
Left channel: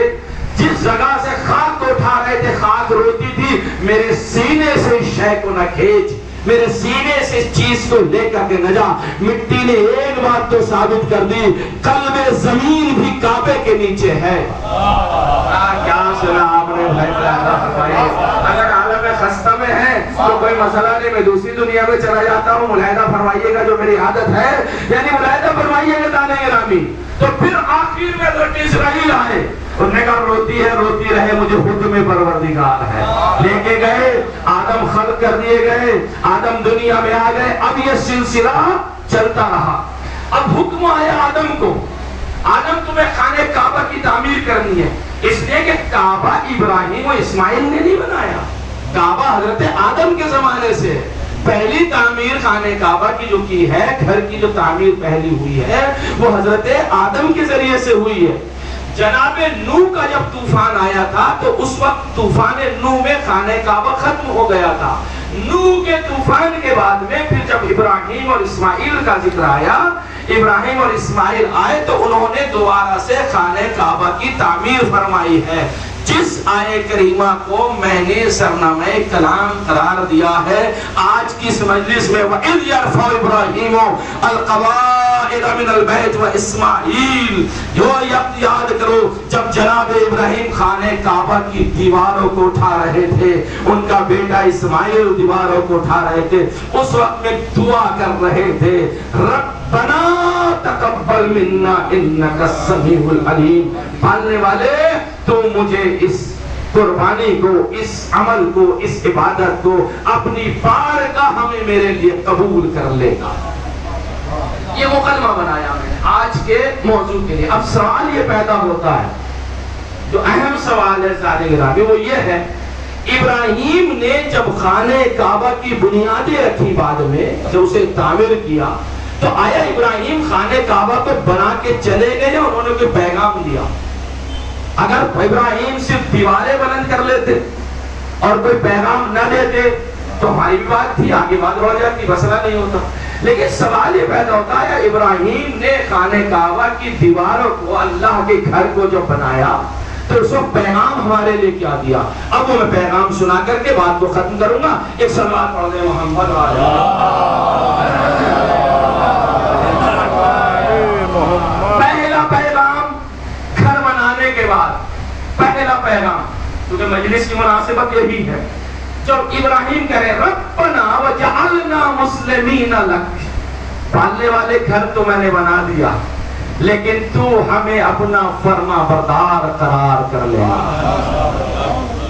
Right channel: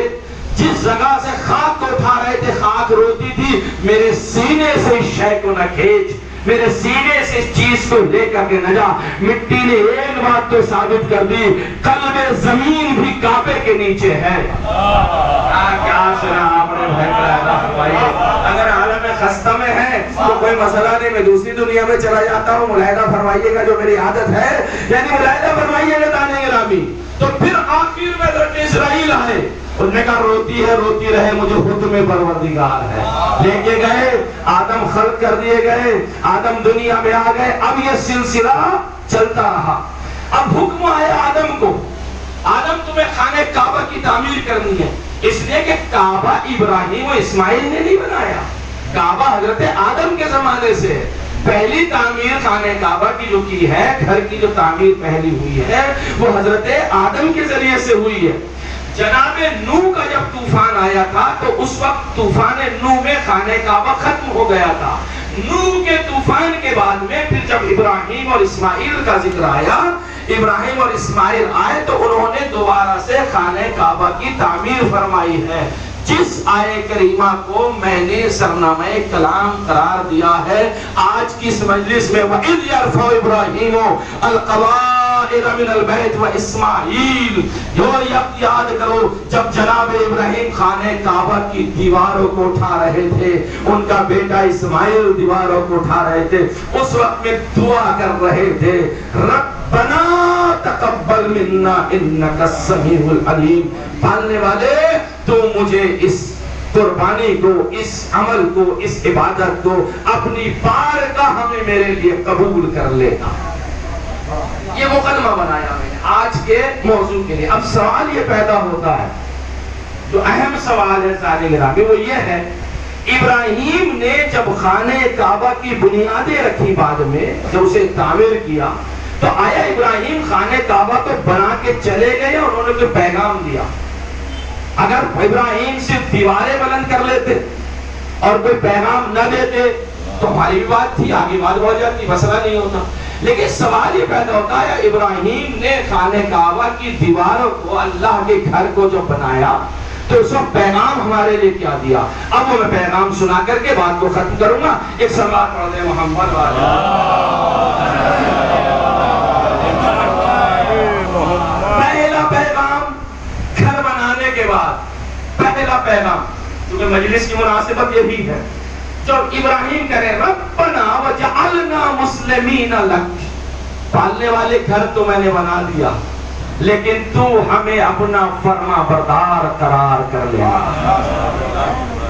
جس جگہ سے خاک کو اٹھا رہے تھے خاک روتی تھی میرے سینے سے اس شے کو نہ کھینچ, میرے سینے سے اس چیز کو لے کر کے نہ جا. مٹی نے ایک بات تو ثابت کر دی, قلب زمین بھی کعبے کے نیچے ہے. کیا سنا آپ نے بھائی؟ اگر عالم خستہ میں ہے تو کوئی مسئلہ نہیں, میں دوسری دنیا میں چلا جاتا ہوں. ملاحظہ فرمائیے گا جو میری عادت ہے, یعنی ملاحظہ فرمائیے گا دانے گرامی. تو پھر آخر میں لوٹ اسرائیل آئے, انہوں نے کہا روتی ہے روتی رہے, مجھے حکم پروردگار ہے. لے کے گئے, آدم خلق کر دیے گئے, آدم دنیا میں آ گئے. اب یہ سلسلہ چلتا رہا. اب حکم آیا آدم کو, آدم تمہیں خانہ کعبہ کی تعمیر کرنی ہے. اس لیے کہ کعبہ ابراہیم و اسماعیل نے نہیں بنایا, کعبہ حضرت آدم کے زمانے سے. پہلی تعمیر خانہ کعبہ کی جو کی ہے, گھر کی جو تعمیر پہلی ہوئی ہے وہ حضرت آدم کے ذریعے سے ہوئی ہے. جناب نوح کا جب طوفان آیا تھا تو اس وقت طوفان نوح میں خانہ کعبہ ختم ہو گیا تھا. نوح کے طوفان کے بعد میں پھر جب ابراہیم اور اسماعیل کا ذکر آیا, ابراہیم اور اسماعیل آئے تو انہوں نے دوبارہ سے خانہ کعبہ کی تعمیر فرمائی ہے. جس آیہ کریمہ کو میں نے سرنامہ کلام قرار دیا ہے آج کی اس مجلس میں, وَإِذْ يَرْفَعُ إِبْرَاهِيمُ الْقَوَاعِدَ مِنَ الْبَيْتِ وَإِسْمَاعِيلُ. یاد کرو جب جناب ابراہیم خانہ کعبہ کی دیواروں کو اٹھا رہے تھے, ان کا بیٹا اسماعیل دیواروں کو اٹھا رہے تھے, اس وقت میں دعا کر رہے تھے ربنا تقبل منا انک السمیع العلیم. پالنے والے تو مجھے اس قربانی کو, اس عمل کو, اس عبادت کو اپنی بارگاہ ہمیں میرے لیے قبول کر لینا. یہ مقدمہ بنایا میں نے آج کے موضوع کے لیے. اب سوال یہ پیدا ہوتا ہے, جو اہم سوال ہے سارے گرامی, وہ یہ ہے ابراہیم نے جب خانہ کعبہ کی بنیادیں رکھی, بعد میں جب اسے تعمیر کیا تو آیا ابراہیم خانہ کعبہ تو بنا کے چلے گئے، انہوں نے کوئی پیغام دیا؟ اگر ابراہیم صرف دیواریں بلند کر لیتے اور کوئی پیغام نہ دیتے تو ہماری بھی بات تھی، آگے بات ہو جاتی، مسئلہ نہیں ہوتا. لیکن سوال یہ پیدا ہوتا ہے، ابراہیم نے خانہ کعبہ کی دیواروں کو، اللہ کے گھر کو جو بنایا تو اس وقت پیغام ہمارے لیے کیا دیا؟ اب وہ میں پیغام سنا کر کے بات کو ختم کروں گا. ایک صلوات پڑھ دیں محمد والے. پہلا پیغام گھر بنانے کے بعد، پہلا پیغام، کیونکہ مجلس کی مناسبت یہی ہے، جب ابراہیم کرے ربنا وجعلنا مسلمین لک، پالنے والے گھر تو میں نے بنا دیا لیکن تو ہمیں اپنا فرما بردار قرار کر لینا.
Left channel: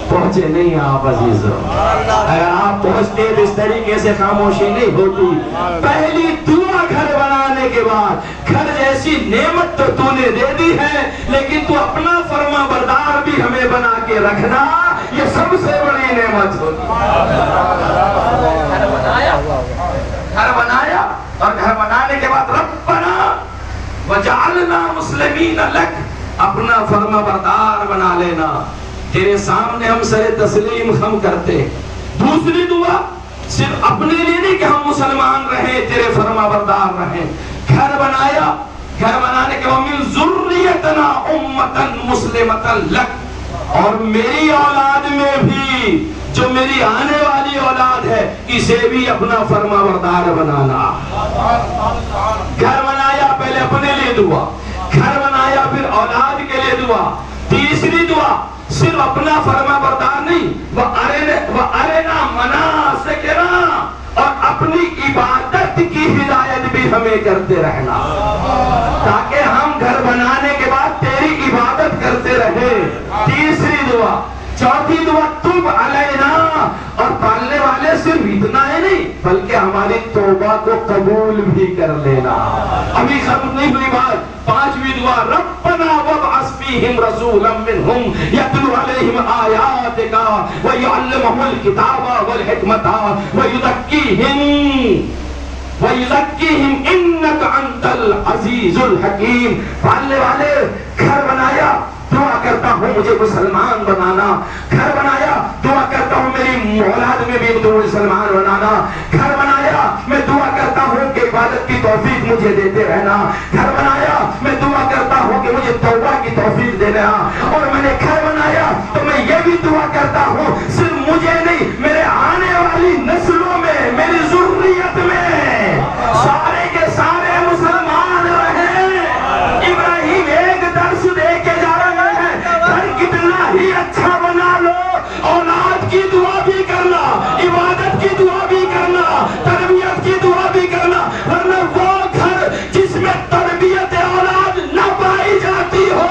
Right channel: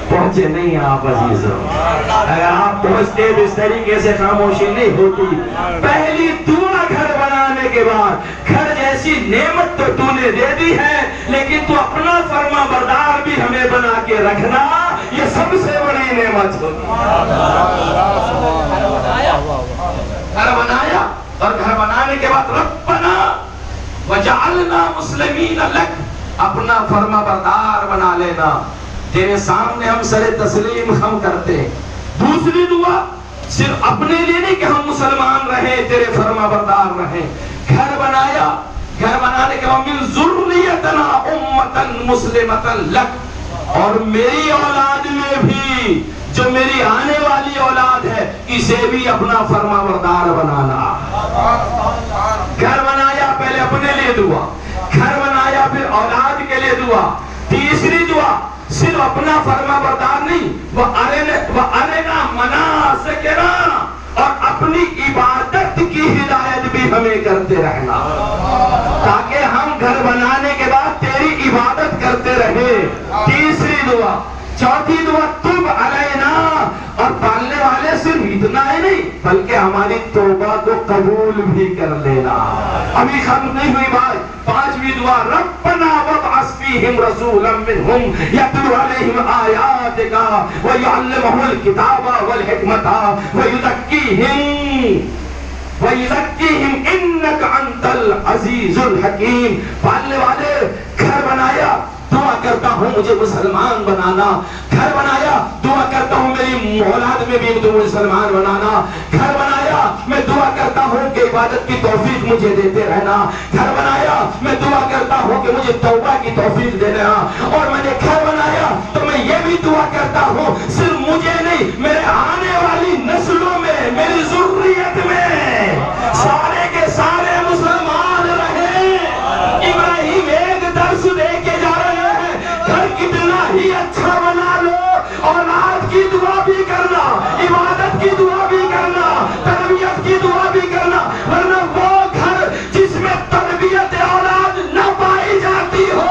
پہنچے نہیں آپ عزیزوں؟ اگر آپ پہنچتے تو اس طریقے سے خاموشی نہیں ہوتی. پہلی دعا گھر بنانے کے بعد، گھر جیسی نعمت تو تو نے دے دی ہے لیکن تو اپنا فرما بردار بھی ہمیں بنا کے رکھنا، یہ سب سے بڑی نعمت ہوتی. گھر بنایا اور گھر بنانے کے بعد ربنا وجعلنا مسلمین لک، اپنا فرما بردار بنا لینا، تیرے سامنے ہم سر تسلیم خم کرتے. دوسری دعا صرف اپنے لیے نہیں کہ ہم مسلمان رہیں، تیرے فرما بردار رہیں. گھر بنایا، گھر بنانے کے بعد من ذریتنا امتا مسلمتا لک، اور میری اولاد میں بھی، جو میری آنے والی اولاد ہے، اسے بھی اپنا فرما بردار بنانا. گھر بنایا، پہلے اپنے لیے دعا، گھر بنایا پھر اولاد کے لیے دعا. تیسری دعا صرف اپنا فرما بردار نہیں، وَأَرِنَا مَنَاسِكَنَا، اور اپنی عبادت کی ہدایت بھی ہمیں کرتے رہنا تاکہ ہم گھر بنانے کے بعد تیری عبادت کرتے رہے. تیسری دعا. چوتھی دعا تب علینا، اور پالنے والے صرف اتنا ہی نہیں بلکہ ہماری توبہ کو قبول بھی کر لینا. ابھی ختم نہیں ہوئی بات. پانچویں دعا ربنا وابعث فیہم رسولا منہم یتلو علیہم آیاتک ویعلمہم الکتاب والحکمت وَيُزَكِّيهِمْ إِنَّكَ أَنْتَ الْعَزِيزُ الْحَكِيمُ. پالنے والے گھر بنایا، دعا کرتا ہوں مجھے مسلمان بنانا. گھر بنایا، دعا کرتا ہوں میری اولاد میں بھی تو مسلمان بنانا. گھر بنایا، میں دعا کرتا ہوں کہ عبادت کی توفیق مجھے دیتے رہنا. گھر بنایا، میں دعا کرتا ہوں کہ مجھے توبہ کی توفیق دینا. اور میں نے گھر بنایا تو میں یہ بھی دعا کرتا ہوں صرف مجھے نہیں، میرے آنے والی نسلوں میں، میری ذریت میں سارے کے سارے مسلمان رہے. ابراہیم ایک درس دے کے جا رہے ہیں، گھر کتنا ہی اچھا بنا لو، اولاد کی دعا بھی کرنا، عبادت کی دعا بھی کرنا، تربیت کی دعا بھی کرنا، ورنہ وہ گھر جس میں تربیت اولاد نہ پائی جاتی ہو.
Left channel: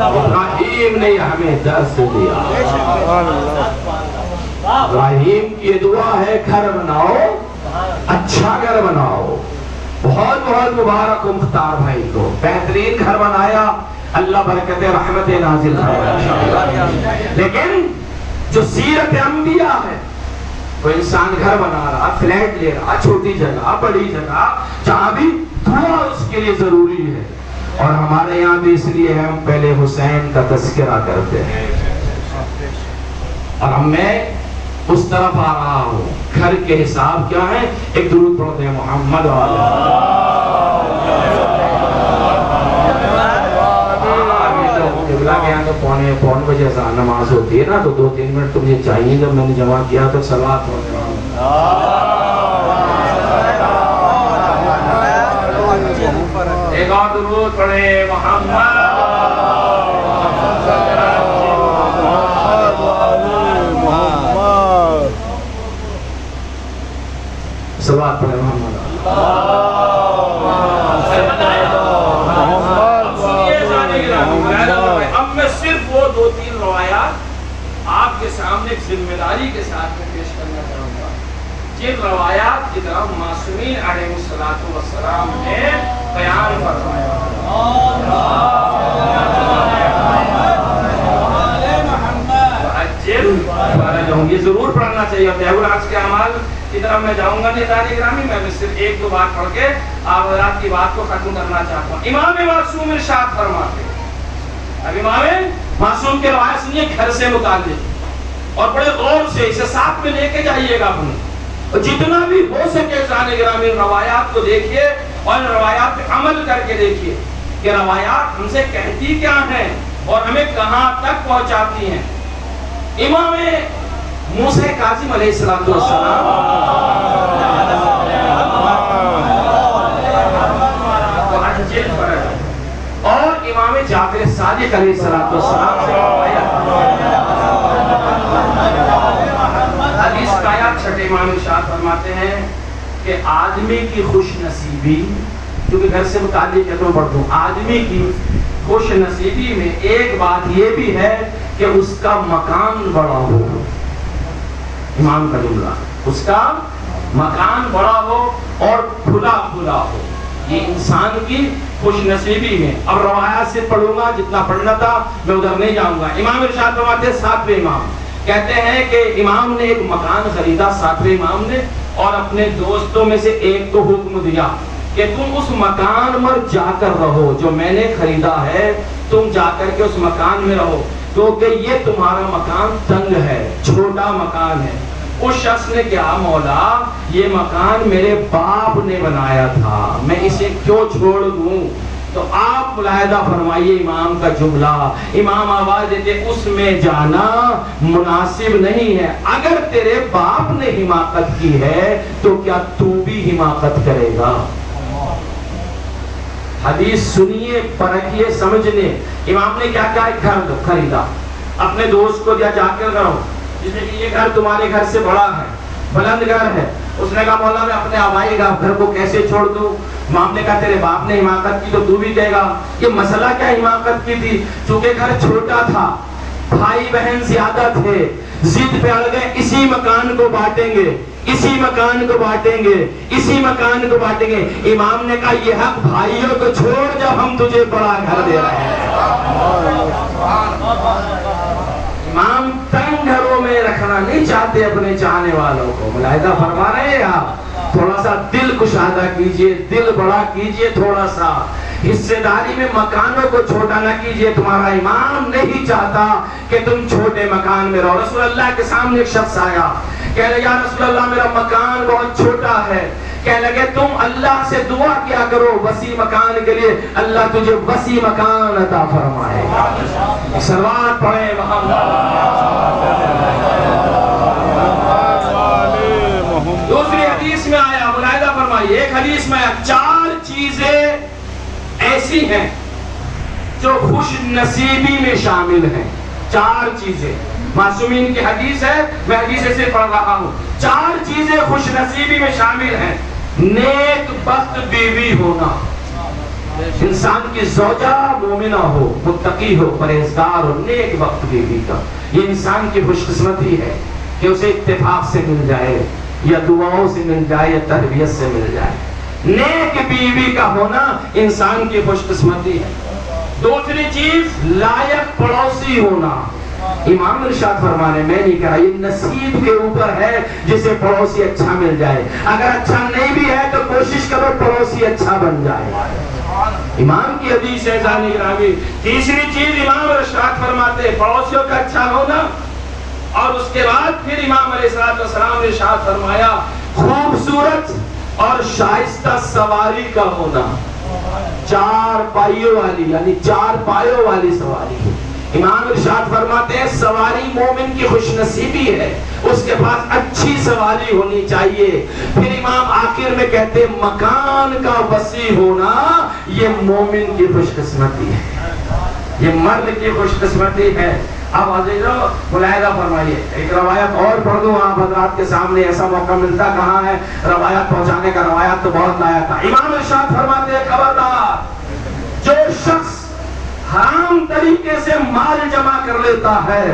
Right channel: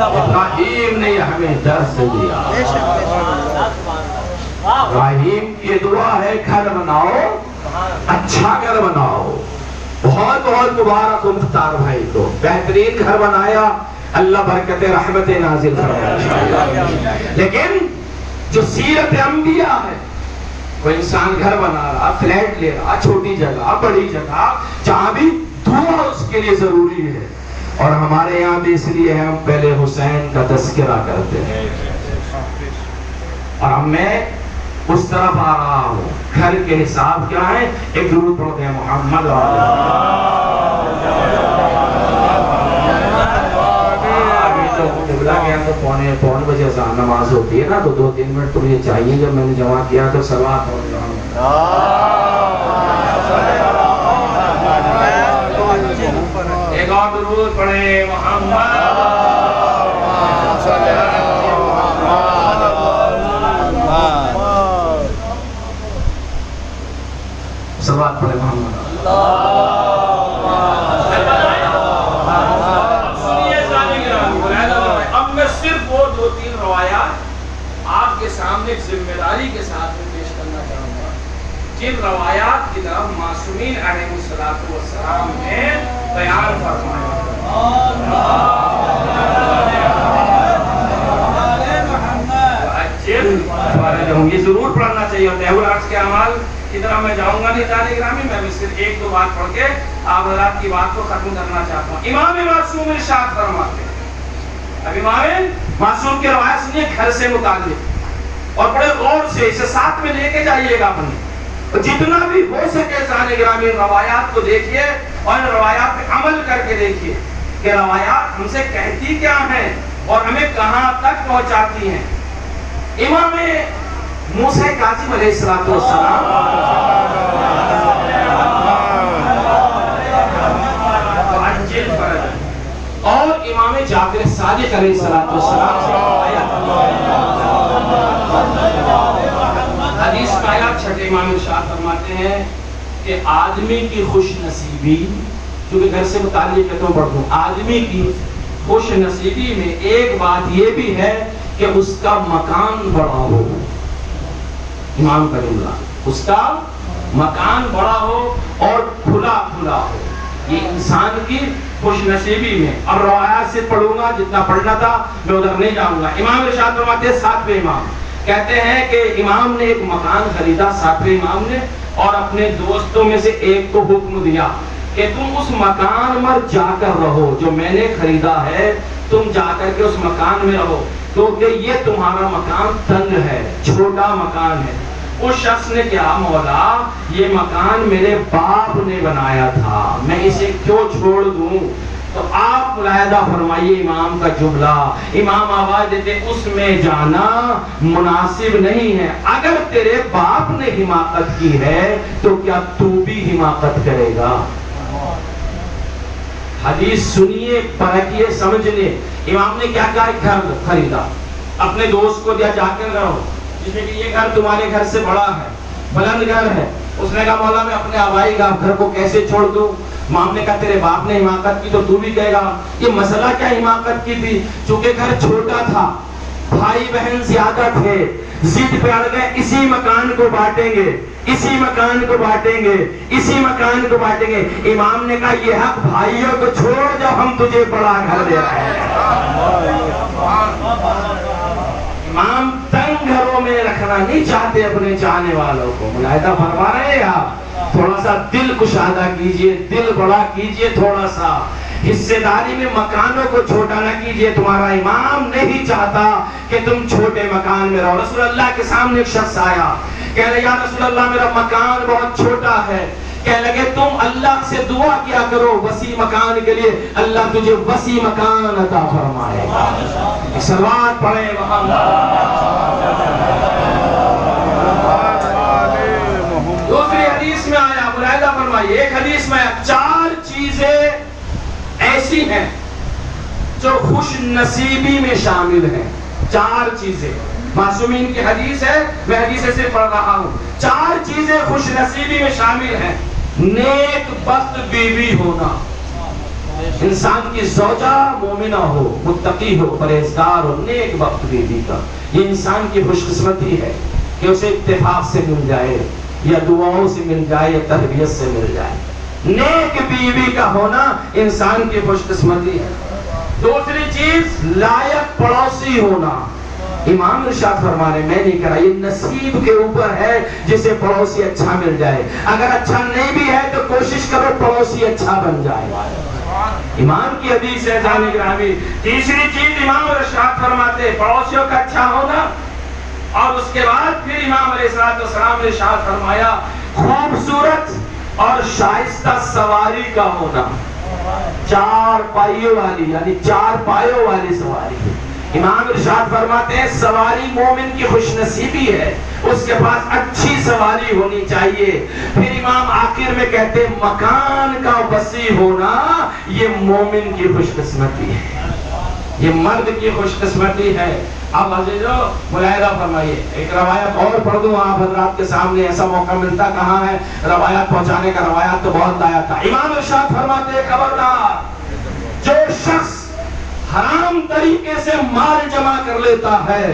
ابراہیم نے ہمیں درس دیا. ابراہیم کی دعا ہے گھر بناؤ، اچھا گھر بناؤ. بہت بہت مبارک و مختار بھائی کو بہترین گھر بنایا، اللہ برکت رحمت نازل فرمائے. لیکن جو سیرت انبیاء ہے، کوئی انسان گھر بنا رہا، فلیٹ لے رہا، چھوٹی جگہ بڑی جگہ، جہاں بھی دعا اس کے لیے ضروری ہے. اور ہمارے یہاں بھی اس لیے ہم پہلے حسین کا تذکرہ کرتے ہیں. اور میں اس طرف آ رہا ہوں، گھر کے حساب کیا ہے؟ ایک درود پڑھتے ہیں محمد تو پونے بجے اذان نماز ہوتی ہے نا، تو 2-3 منٹ تو مجھے چاہیے. جب میں نے جمع کیا تو صلوات ہو رہا ہوں. ایک اور درود پڑھیں محمد. صلوات پڑھیں محمد. اب میں صرف وہ 2-3 روایات آپ کے سامنے ذمہ داری کے ساتھ میں پیش کرنا چاہوں گا، جن روایات کی طرف معصومین علیہ السلام نے بیان فرمایا. ہوں. یہ ضرور پڑھنا چاہیے. تہور عرض کے اعمال کی طرف میں جاؤں گا نہیں دانی گرامی, میں صرف ایک دو بات پڑھ کے آپ حضرات کی بات کو ختم کرنا چاہتا ہوں. امام معصوم ارشاد فرماتے ہیں, اب امام معصوم کی روایت سنیے گھر سے متعلق, اور بڑے غور سے اسے ساتھ میں لے کے جائیے گا اپنے, جتنا بھی ہو سکے دانی گرامی روایات کو دیکھیے اور ان روایات پہ عمل کر کے دیکھیے کہ روایات ہم سے کہتی کیا ہیں اور ہمیں کہاں تک پہنچاتی ہیں. امام موسیٰ کاظم علیہ السلام اور امام جعفر صادق علیہ السلام سے حدیث کا آیات چھٹے امام ارشاد فرماتے ہیں کہ آدمی کی خوش نصیبی, کیونکہ گھر سے متعلق ہے تو پڑھ دوں, آدمی کی خوش نصیبی میں ایک بات یہ بھی ہے کہ اس کا مکان بڑا ہو. امام کا جملہ, اس کا مکان بڑا ہو اور کھلا کھلا ہو, یہ انسان کی خوش نصیبی میں. اب روایات سے پڑھوں گا, جتنا پڑھنا تھا میں ادھر نہیں جاؤں گا. امام ارشاد فرماتے ہیں, ساتویں امام کہتے ہیں کہ امام نے ایک مکان خریدا, ساتویں امام نے, اور اپنے دوستوں میں سے ایک کو حکم دیا کہ تم اس مکان میں جا کر رہو جو میں نے خریدا ہے, تم جا کر کے اس مکان میں رہو, کیونکہ یہ تمہارا مکان تنگ ہے, چھوٹا مکان ہے. اس شخص نے کہا, مولا یہ مکان میرے باپ نے بنایا تھا, میں اسے کیوں چھوڑ دوں؟ تو آپ ملاحظہ فرمائیے امام کا جملہ, امام آواز دیتے اس میں جانا مناسب نہیں ہے. اگر تیرے باپ نے حماقت کی ہے تو کیا تو بھی حماقت کرے گا؟ حدیث سنیے, پرکھیے, سمجھنے. امام نے کیا کہا, ایک گھر خریدا, اپنے دوست کو دیا, جا کر رہو, جس نے کہ یہ گھر تمہارے گھر سے بڑا ہے, بلند گھر ہے. اس نے کہا, مولا میں اپنے آبائی گھر کو کیسے چھوڑ دوں؟ امام نے کہا, تیرے باپ نے حماقت کی تو تو بھی کہے گا. یہ مسئلہ کیا حماقت کی تھی؟ چونکہ گھر چھوٹا تھا, بھائی بہن زیادہ تھے, ضد پہ اڑ گئے, اسی مکان کو بانٹیں گے, اسی مکان کو بانٹیں گے, اسی مکان کو بانٹیں گے. امام نے کہا, یہ حق بھائیوں کو چھوڑ جب ہم تجھے بڑا گھر دے رہے ہیں. امام تنگ گھروں میں رکھنا نہیں چاہتے اپنے چاہنے والوں کو. ملاحظہ فرما رہے ہیں آپ, تھوڑا سا دل کشادہ کیجئے, دل بڑا کیجئے, تھوڑا سا حصے داری میں مکانوں کو چھوٹا نہ کیجئے. تمہارا امام نہیں چاہتا کہ تم چھوٹے مکان میں رہو. رسول اللہ کے سامنے ایک شخص آیا, کہہ لگا, یا رسول اللہ میرا مکان بہت چھوٹا ہے. کہہ لگے, تم اللہ سے دعا کیا کرو وسیع مکان کے لیے, اللہ تجھے وسیع مکان عطا فرمائے. سلوات پڑھیں دوسری حدیث میں آیا, ملاحظہ فرمائیے, ایک حدیث میں 4 چیزیں ایسی ہیں جو خوش نصیبی میں شامل ہیں. 4 چیزیں, معصومین کی حدیث ہے, میں حدیث سے پڑھ رہا ہوں. 4 چیزیں خوش نصیبی میں شامل ہیں. نیک بخت بیوی ہونا, انسان کی زوجہ مومنہ ہو, متقی ہو, پرہیزگار ہو, نیک بخت بیوی کا, یہ انسان کی خوش قسمتی ہے کہ اسے اتفاق سے مل جائے, یا دعاؤں سے مل جائے, یا تربیت سے مل جائے. نیک بیوی کا ہونا انسان کی خوش قسمتی ہے. دوسری چیز, لائق پڑوسی ہونا. امام ارشاد فرمانے, میں نہیں کہہ رہا, یہ نصیب کے اوپر ہے جسے پڑوسی اچھا مل جائے. اگر اچھا نہیں بھی ہے تو کوشش کرو پڑوسی اچھا بن جائے. امام کی حدیث ہے جانی گرامی. تیسری چیز امام ارشاد فرماتے, پڑوسیوں کا اچھا ہونا. اور اس کے بعد پھر امام علیہ السلام نے ارشاد فرمایا, خوبصورت اور شائستہ سواری کا ہونا. 4 پائیوں والی, یعنی 4 پایوں والی سواری. امام ارشاد فرماتے ہیں, سواری مومن کی خوش نصیبی ہے, اس کے پاس اچھی سواری ہونی چاہیے. پھر امام آخر میں کہتے ہیں, مکان کا وسیع ہونا یہ مومن کی خوش قسمتی ہے, یہ مرد کی خوش قسمتی ہے. اب عزیزو ملاحظہ فرمائیے, ایک روایت اور پڑھ دوں آپ حضرات کے سامنے, ایسا موقع ملتا کہاں ہے روایات پہنچانے کا, روایات تو بہت لایا تھا. امام ارشاد فرماتے ہیں, خبردار جو شخص حرام طریقے سے مال جمع کر لیتا ہے,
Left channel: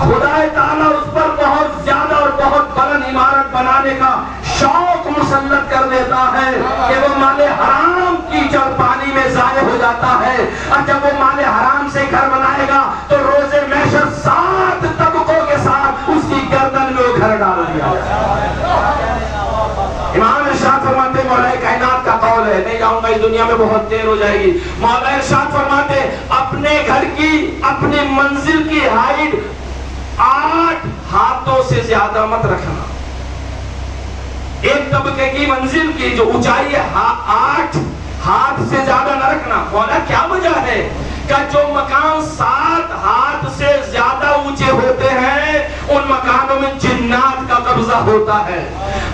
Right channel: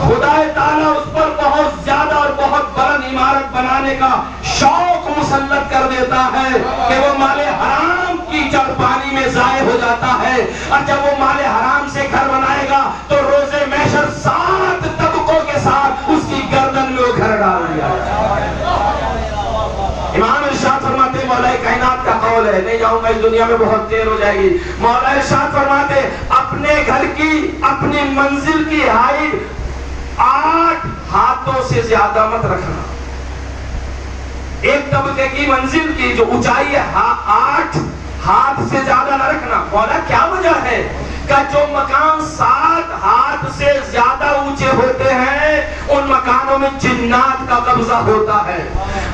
خدا تعالیٰ اس پر بہت زیادہ اور بہت بلند عمارت بنانے کا شوق مسلط کر دیتا ہے کہ وہ مال حرام کیچڑ پانی میں ضائع ہو جاتا ہے. اور جب وہ مال حرام سے گھر بنائے گا تو روز محشر 7 طبقوں کے ساتھ اس کی گردن کا قول ہے، نہیں جاؤں گا اس دنیا میں بہت دیر ہو جائے گی۔ مولا ارشاد فرماتے اپنے گھر کی اپنی منزل کی ہائٹ 8 ہاتھوں سے زیادہ مت رکھنا۔ ایک طبقے کی منزل کی جو اونچائی ہے 8 ہاتھ سے زیادہ نہ رکھنا۔ مولا کیا وجہ ہے کہ جو مکان 7 ہاتھ سے زیادہ اونچے ہوتے ہیں ان مکانوں میں جنات کا قبضہ ہوتا ہے۔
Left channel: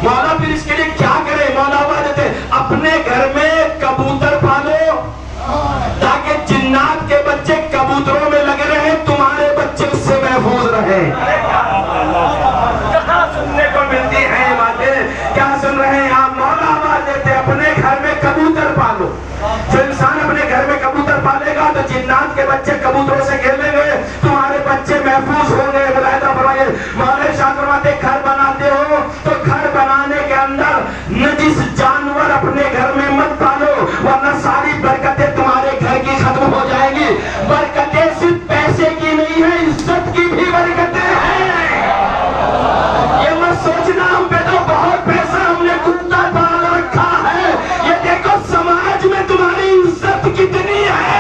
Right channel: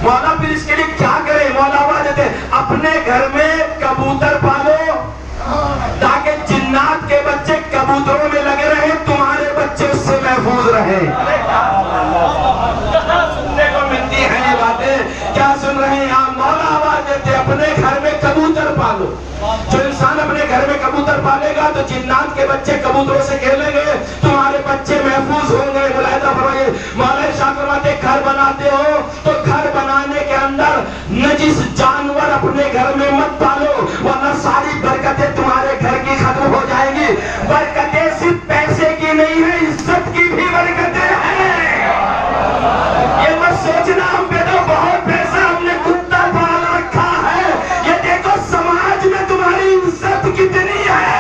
مولا پھر اس کے لیے کیا کرے؟ مولا آواز دیتے اپنے گھر میں کبوتر پالو تاکہ جنات کے بچے کبوتروں میں لگے رہے، تمہارے بچے اس سے محفوظ رہے۔ کہاں سننے کو ملتی ہیں یہ باتیں؟ کیا سن رہے ہیں آپ؟ مولا آواز دیتے اپنے گھر میں کبوتر پالو۔ جو انسان اپنے گھر میں کبوتر پالے گا تو جنات کے بچے کبوتروں سے کھیلیں گے، تمہارے بچے محفوظ ہوں گے۔ ملاحظہ فرمائیے، مولا ارشاد فرماتے گھر بناتے ہو تو گھر بنانے کے اندر نجس جانور اپنے گھر میں مت پالو، ورنہ ساری برکتیں تمہارے گھر کی ختم ہو جائیں گی۔ برکتیں صرف پیسے کی نہیں ہے، عزت کی بھی برکتیں ہیں۔ یہ مت سوچنا ہم پہ تو بہت پیسہ ہم نے کتا پال رکھا ہے، یہ دیکھو سماج میں تمہاری عزت کتنی ہے۔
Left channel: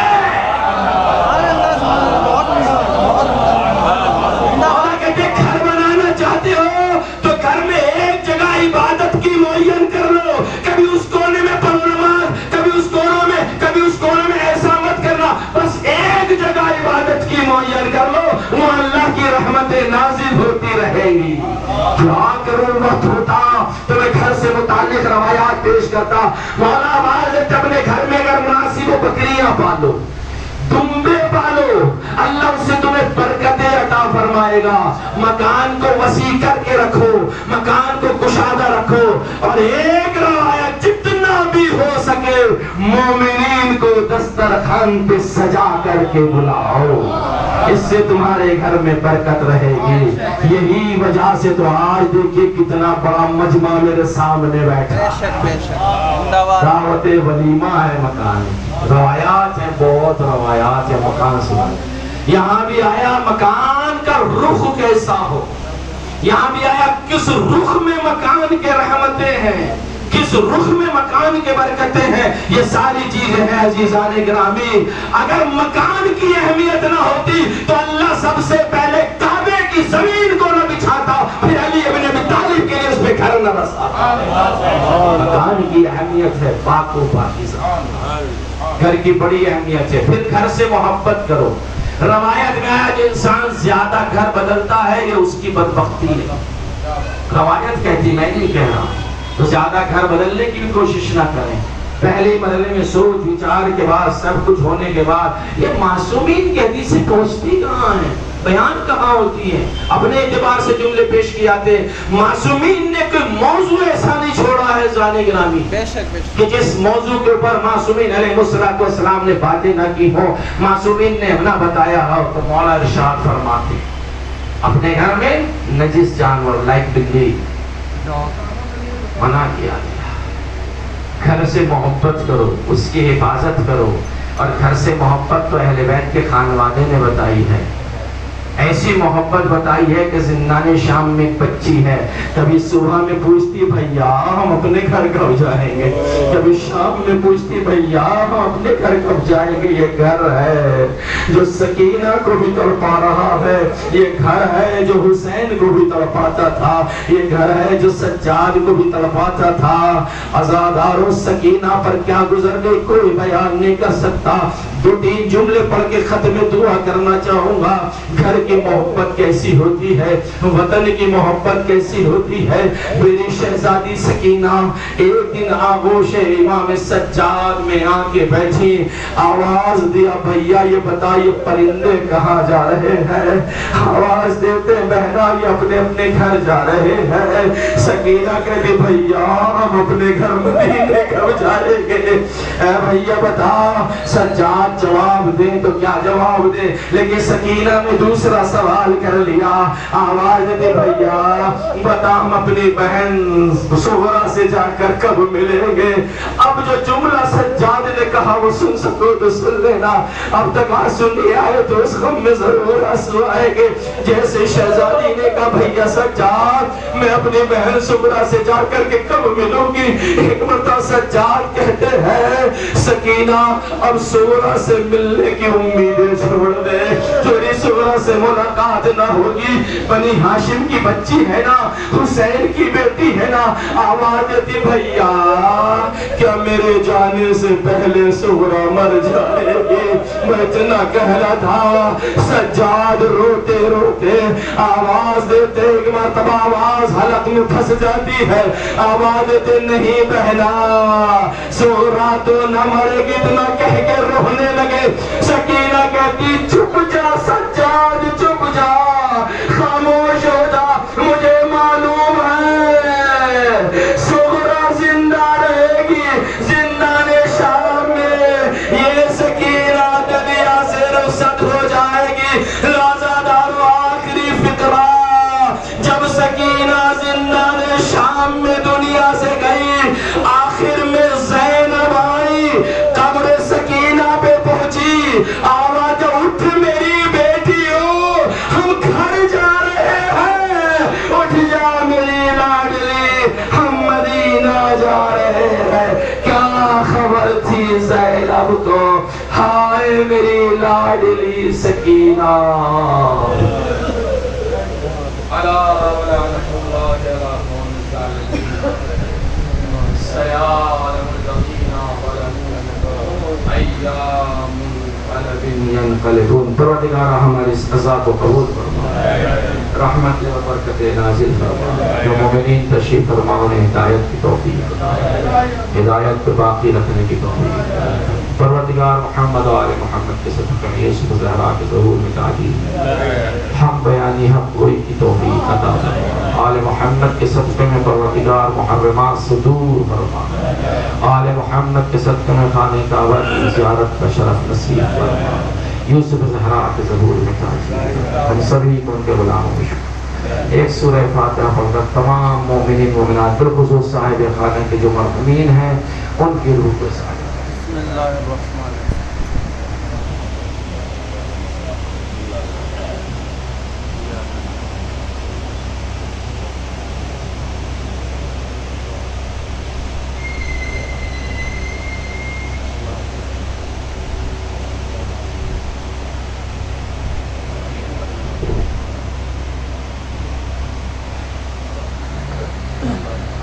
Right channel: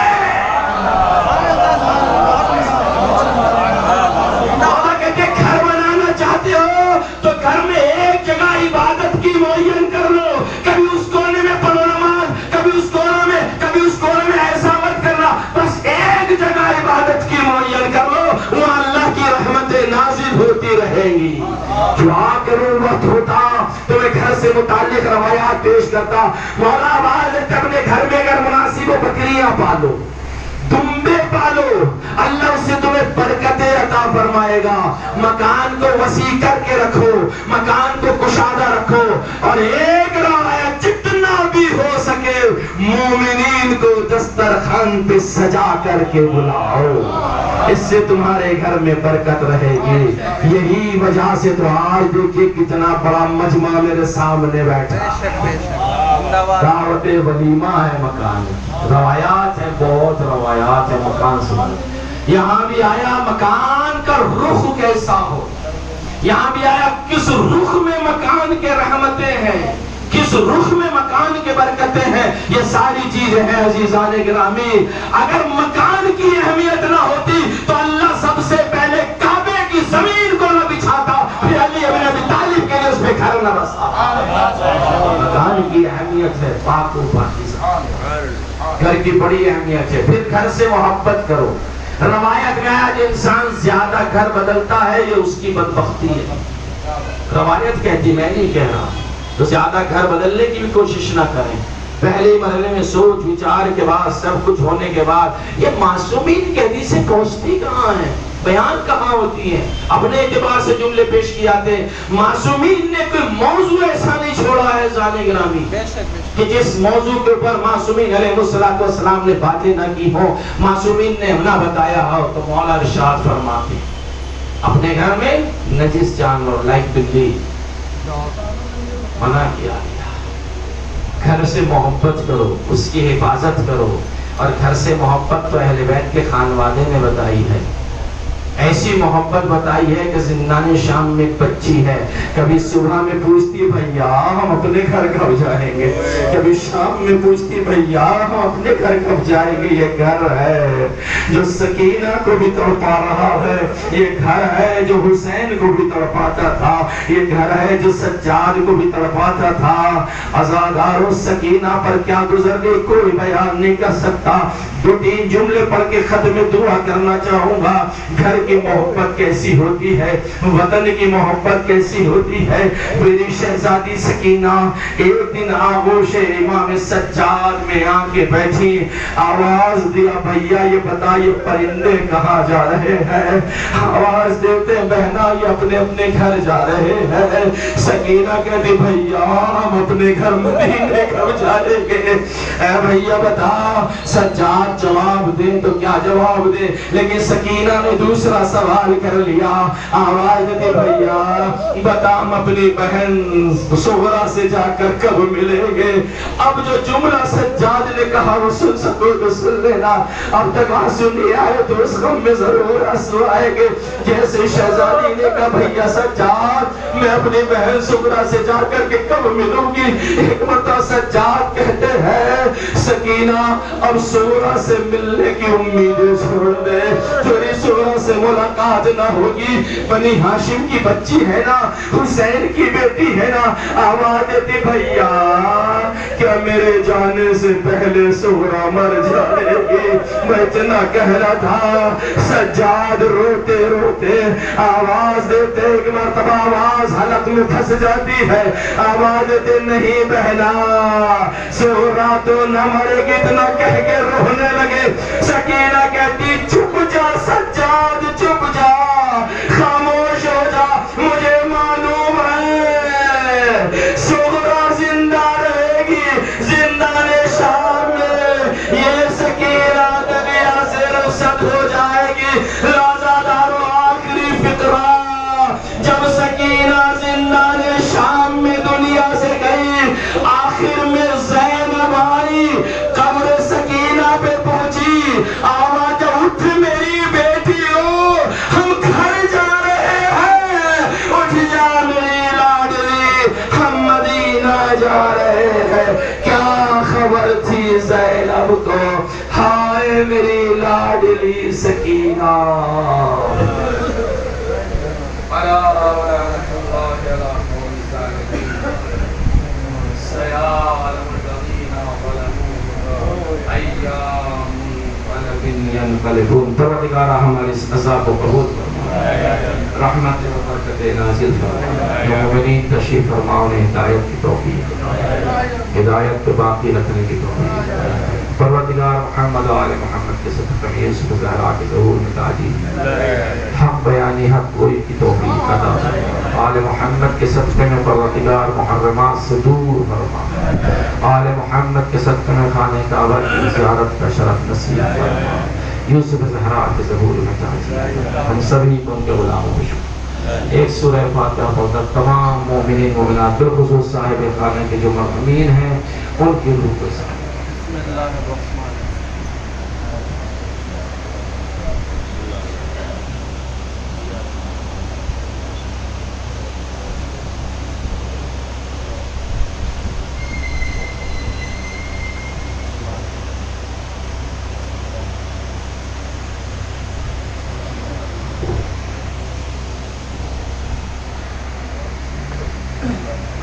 مولا کہتے گھر بنانا چاہتے ہو تو گھر میں ایک جگہ عبادت کی معین کر لو، کبھی اس کونے میں پڑھو نماز، کبھی اس کونے میں، کبھی اس کونے میں، ایسا مت کرنا، بس ایک جگہ عبادت کی معین کر لو، وہاں اللہ کی رحمتیں نازل ہوتی رہیں گی۔ دعا کروں وقت ہوتا تو میں گھر سے متعلق روایات پیش کرتا۔ مولا آواز ہے اپنے گھر میں اگر مناسب ہو بکریاں پالو، دمبے پالو، اللہ اس سے تمہیں برکتیں عطا فرمائے گا۔ مکان کو وسیع کر کے رکھو، مکان کو کشادہ رکھو، اور ایک روایت جتنا بھی ہو سکے مومنین کو دسترخوان پہ سجا کر کے بلاؤ، اس سے تمہارے گھر میں برکت رہے گی۔ یہی وجہ سے تو آج دیکھیے کتنا بڑا مجمع میرے سامنے بیٹھا، دعوت ولیمہ ہے مکان، روایات ہیں، بہت روایات ہیں مکان سے۔ یہاں بھی آیا مکان کا رخ کیسا ہو، یہاں بھی آیا کس رخ میں مکان کے رحمتیں ہیں، کس رخ میں مکان کے برکتیں ہیں، یہ ساری چیزیں ہیں عزیزان گرامی۔ اگر مکان کی اہمیت نہ ہوتی تو اللہ سب سے پہلے کعبے کی زمین کو نہ بچھاتا، پھر علی ابن ابی طالب کے لیے اس پہ گھر نہ بسا۔ مکان کی اہمیت ہے پاک و پاکیزہ، گھر کی بڑی اہمیت ہے۔ پھر گھر سے محبت کرو۔ روایت میں ہے جو انسان زیادہ گھر بدلتا ہے یہ اس کی بدبختی ہے، روایت کہتی، میں نہیں کہہ رہا۔ تو زیادہ گھر بدلنے کی بھی کوشش نہ کریں، پہلے ہی مرحلے میں سوچ وچار کے بعد سب کچھ ہونے کے بعد یہ معصومین کی حدیثیں پہنچتی کہاں ہیں، بیان کہاں ہوتی ہیں؟ اپنے اعتبار سے جملے پیش کیے جاتے ہیں۔ معصومین نے کوئی موضوع ایسا نہیں چھوڑا ہے زانے گرامی کہ جس موضوع کے اوپر معصومین علیہ السلام نے باتیں نہ کی ہوں، معصومین نے نہ بتایا ہو۔ تو مولا ارشاد فرماتے اپنے گھر میں نجس جانور لائک بلی منع کیا گیا۔ گھر سے محبت کرو، اس کی حفاظت کرو، اور گھر سے محبت تو اہل بیت کے خانوادے نے بتائی ہے، ایسی محبت بتائی ہے کہ زندان شام میں بچی ہے، کبھی صبح میں پوچھتی ہے بھیا ہم اپنے گھر کب جائیں گے، کبھی شام میں پوچھتی بھیا ہم اپنے گھر کب جائیں گے۔ یہ گھر ہے جو سکینہ کو بھی تڑپا رہا ہے، یہ گھر ہے جو حسین کو بھی تڑپاتا تھا، یہ گھر ہے جو سجاد کو بھی تڑپاتا تھا۔ عزادارو سکینہ پر کیا گزرنے کوئی بیان نہیں کر سکتا۔ 2-3 جملے پڑھ کے ختم دعا کرنا چاہوں گا۔ گھر کی محبت کیسی ہوتی ہے، وطن کی محبت کیسی ہوتی ہے۔ میری شہزادی سکینہ ایک دن آغوش امام سجاد میں آ کے بیٹھی، آواز دیا بھیا یہ بتا یہ پرندے کہاں جا رہے ہیں؟ آواز دیتے بہنا یہ اپنے اپنے گھر جا رہے ہیں۔ سکینہ کہتی بھیا ہم اپنے گھر مدینے کب جائیں گے؟ اے بھیا بتا۔ سجاد جواب دیں تو کیا جواب دیں، لیکن سکینہ نے دوسرا دوسرا سوال کر لیا، آواز دی بھیا بتا ہم اپنی بہن صغرا سے جا کر کب ملیں گے؟ اب جو جملہ سجاد نے کہا وہ سن سکو تو سن لینا، اب تک آنسو نہیں آئے تو اس غم میں ضرور آنسو آئے گے۔ جیسے شہزادی نے کہا بھیا سجاد میں اپنی بہن صغرا سے جا کر کے کب ملوں گی؟ ایک مرتبہ سجاد کہتے ہیں سکینہ اب صغرا سے ملنے کی امیدیں چھوڑ دے، تیری صغرا سے ملاقات نہ ہوگی، بنی ہاشم کی بچی ہے نا، حسین کی بیٹی ہے نا۔ آواز دیتی بھیا کیا میرے جانے سے پہلے صغرا مر جائے گی؟ میں اتنا کہنا تھا۔ سجاد روتے روتے آواز دیتے، ایک مرتبہ آواز حلق میں پھنس جاتی ہے، آواز دیتے نہیں بہنا صغرا تو نہ مرے گی، اتنا کہہ کے رونے لگے۔ سکینہ کہتی چپ جا سجاد چپ جا، خاموش ہو جا، مجھے معلوم ہے صغرا زندہ رہے گی زندان شام میں، یہ سکینہ دنیا سے رخصت ہو جائے گی۔ رازادار آخری فقرہ، جب سکینہ زندان شام میں دنیا سے گئی، آخر میں زینب آئی، قبر سکینہ پہ پہنچی، آواز اٹھ میری بیٹی ہو، ہم گھر جا رہے ہیں، اٹھ جا میری لاڈلی، ہم مدینہ جا رہے ہیں۔ کیا خبر تھی زینب کو؟ ہائے میری لاڈلی سکینہ۔ پروردگارہ ہمارے اس عزا کو قبول فرما، رحمت و برکت نازل فرما، جو مومنین تشریف فرما انہیں ہدایت کی توفیق، ہدایت پہ باقی رکھنے کی توفیق۔ پروردگار محمد و آل محمد کے صدقہ میں یوسف زہرا کے ظہور میں تعجیل، حق بیانی حق گوئی کی توفیق عطا فرما۔ آل محمد کے صدقے میں پروردگار محرمات سے دور فرما، آل محمد کے صدقے میں خانہ کعبہ کی زیارت کا شرف نصیب فرما۔ یوسف زہرا کے ظہور میں تعجیل، ہم سبھی کو ان کے غلاموں میں شکر۔ ایک سورہ فاتحہ پڑھ کر تمام مومنین مومنات بالخصوص صاحب خانہ کے جو مرحومین ہیں ان کی روح کو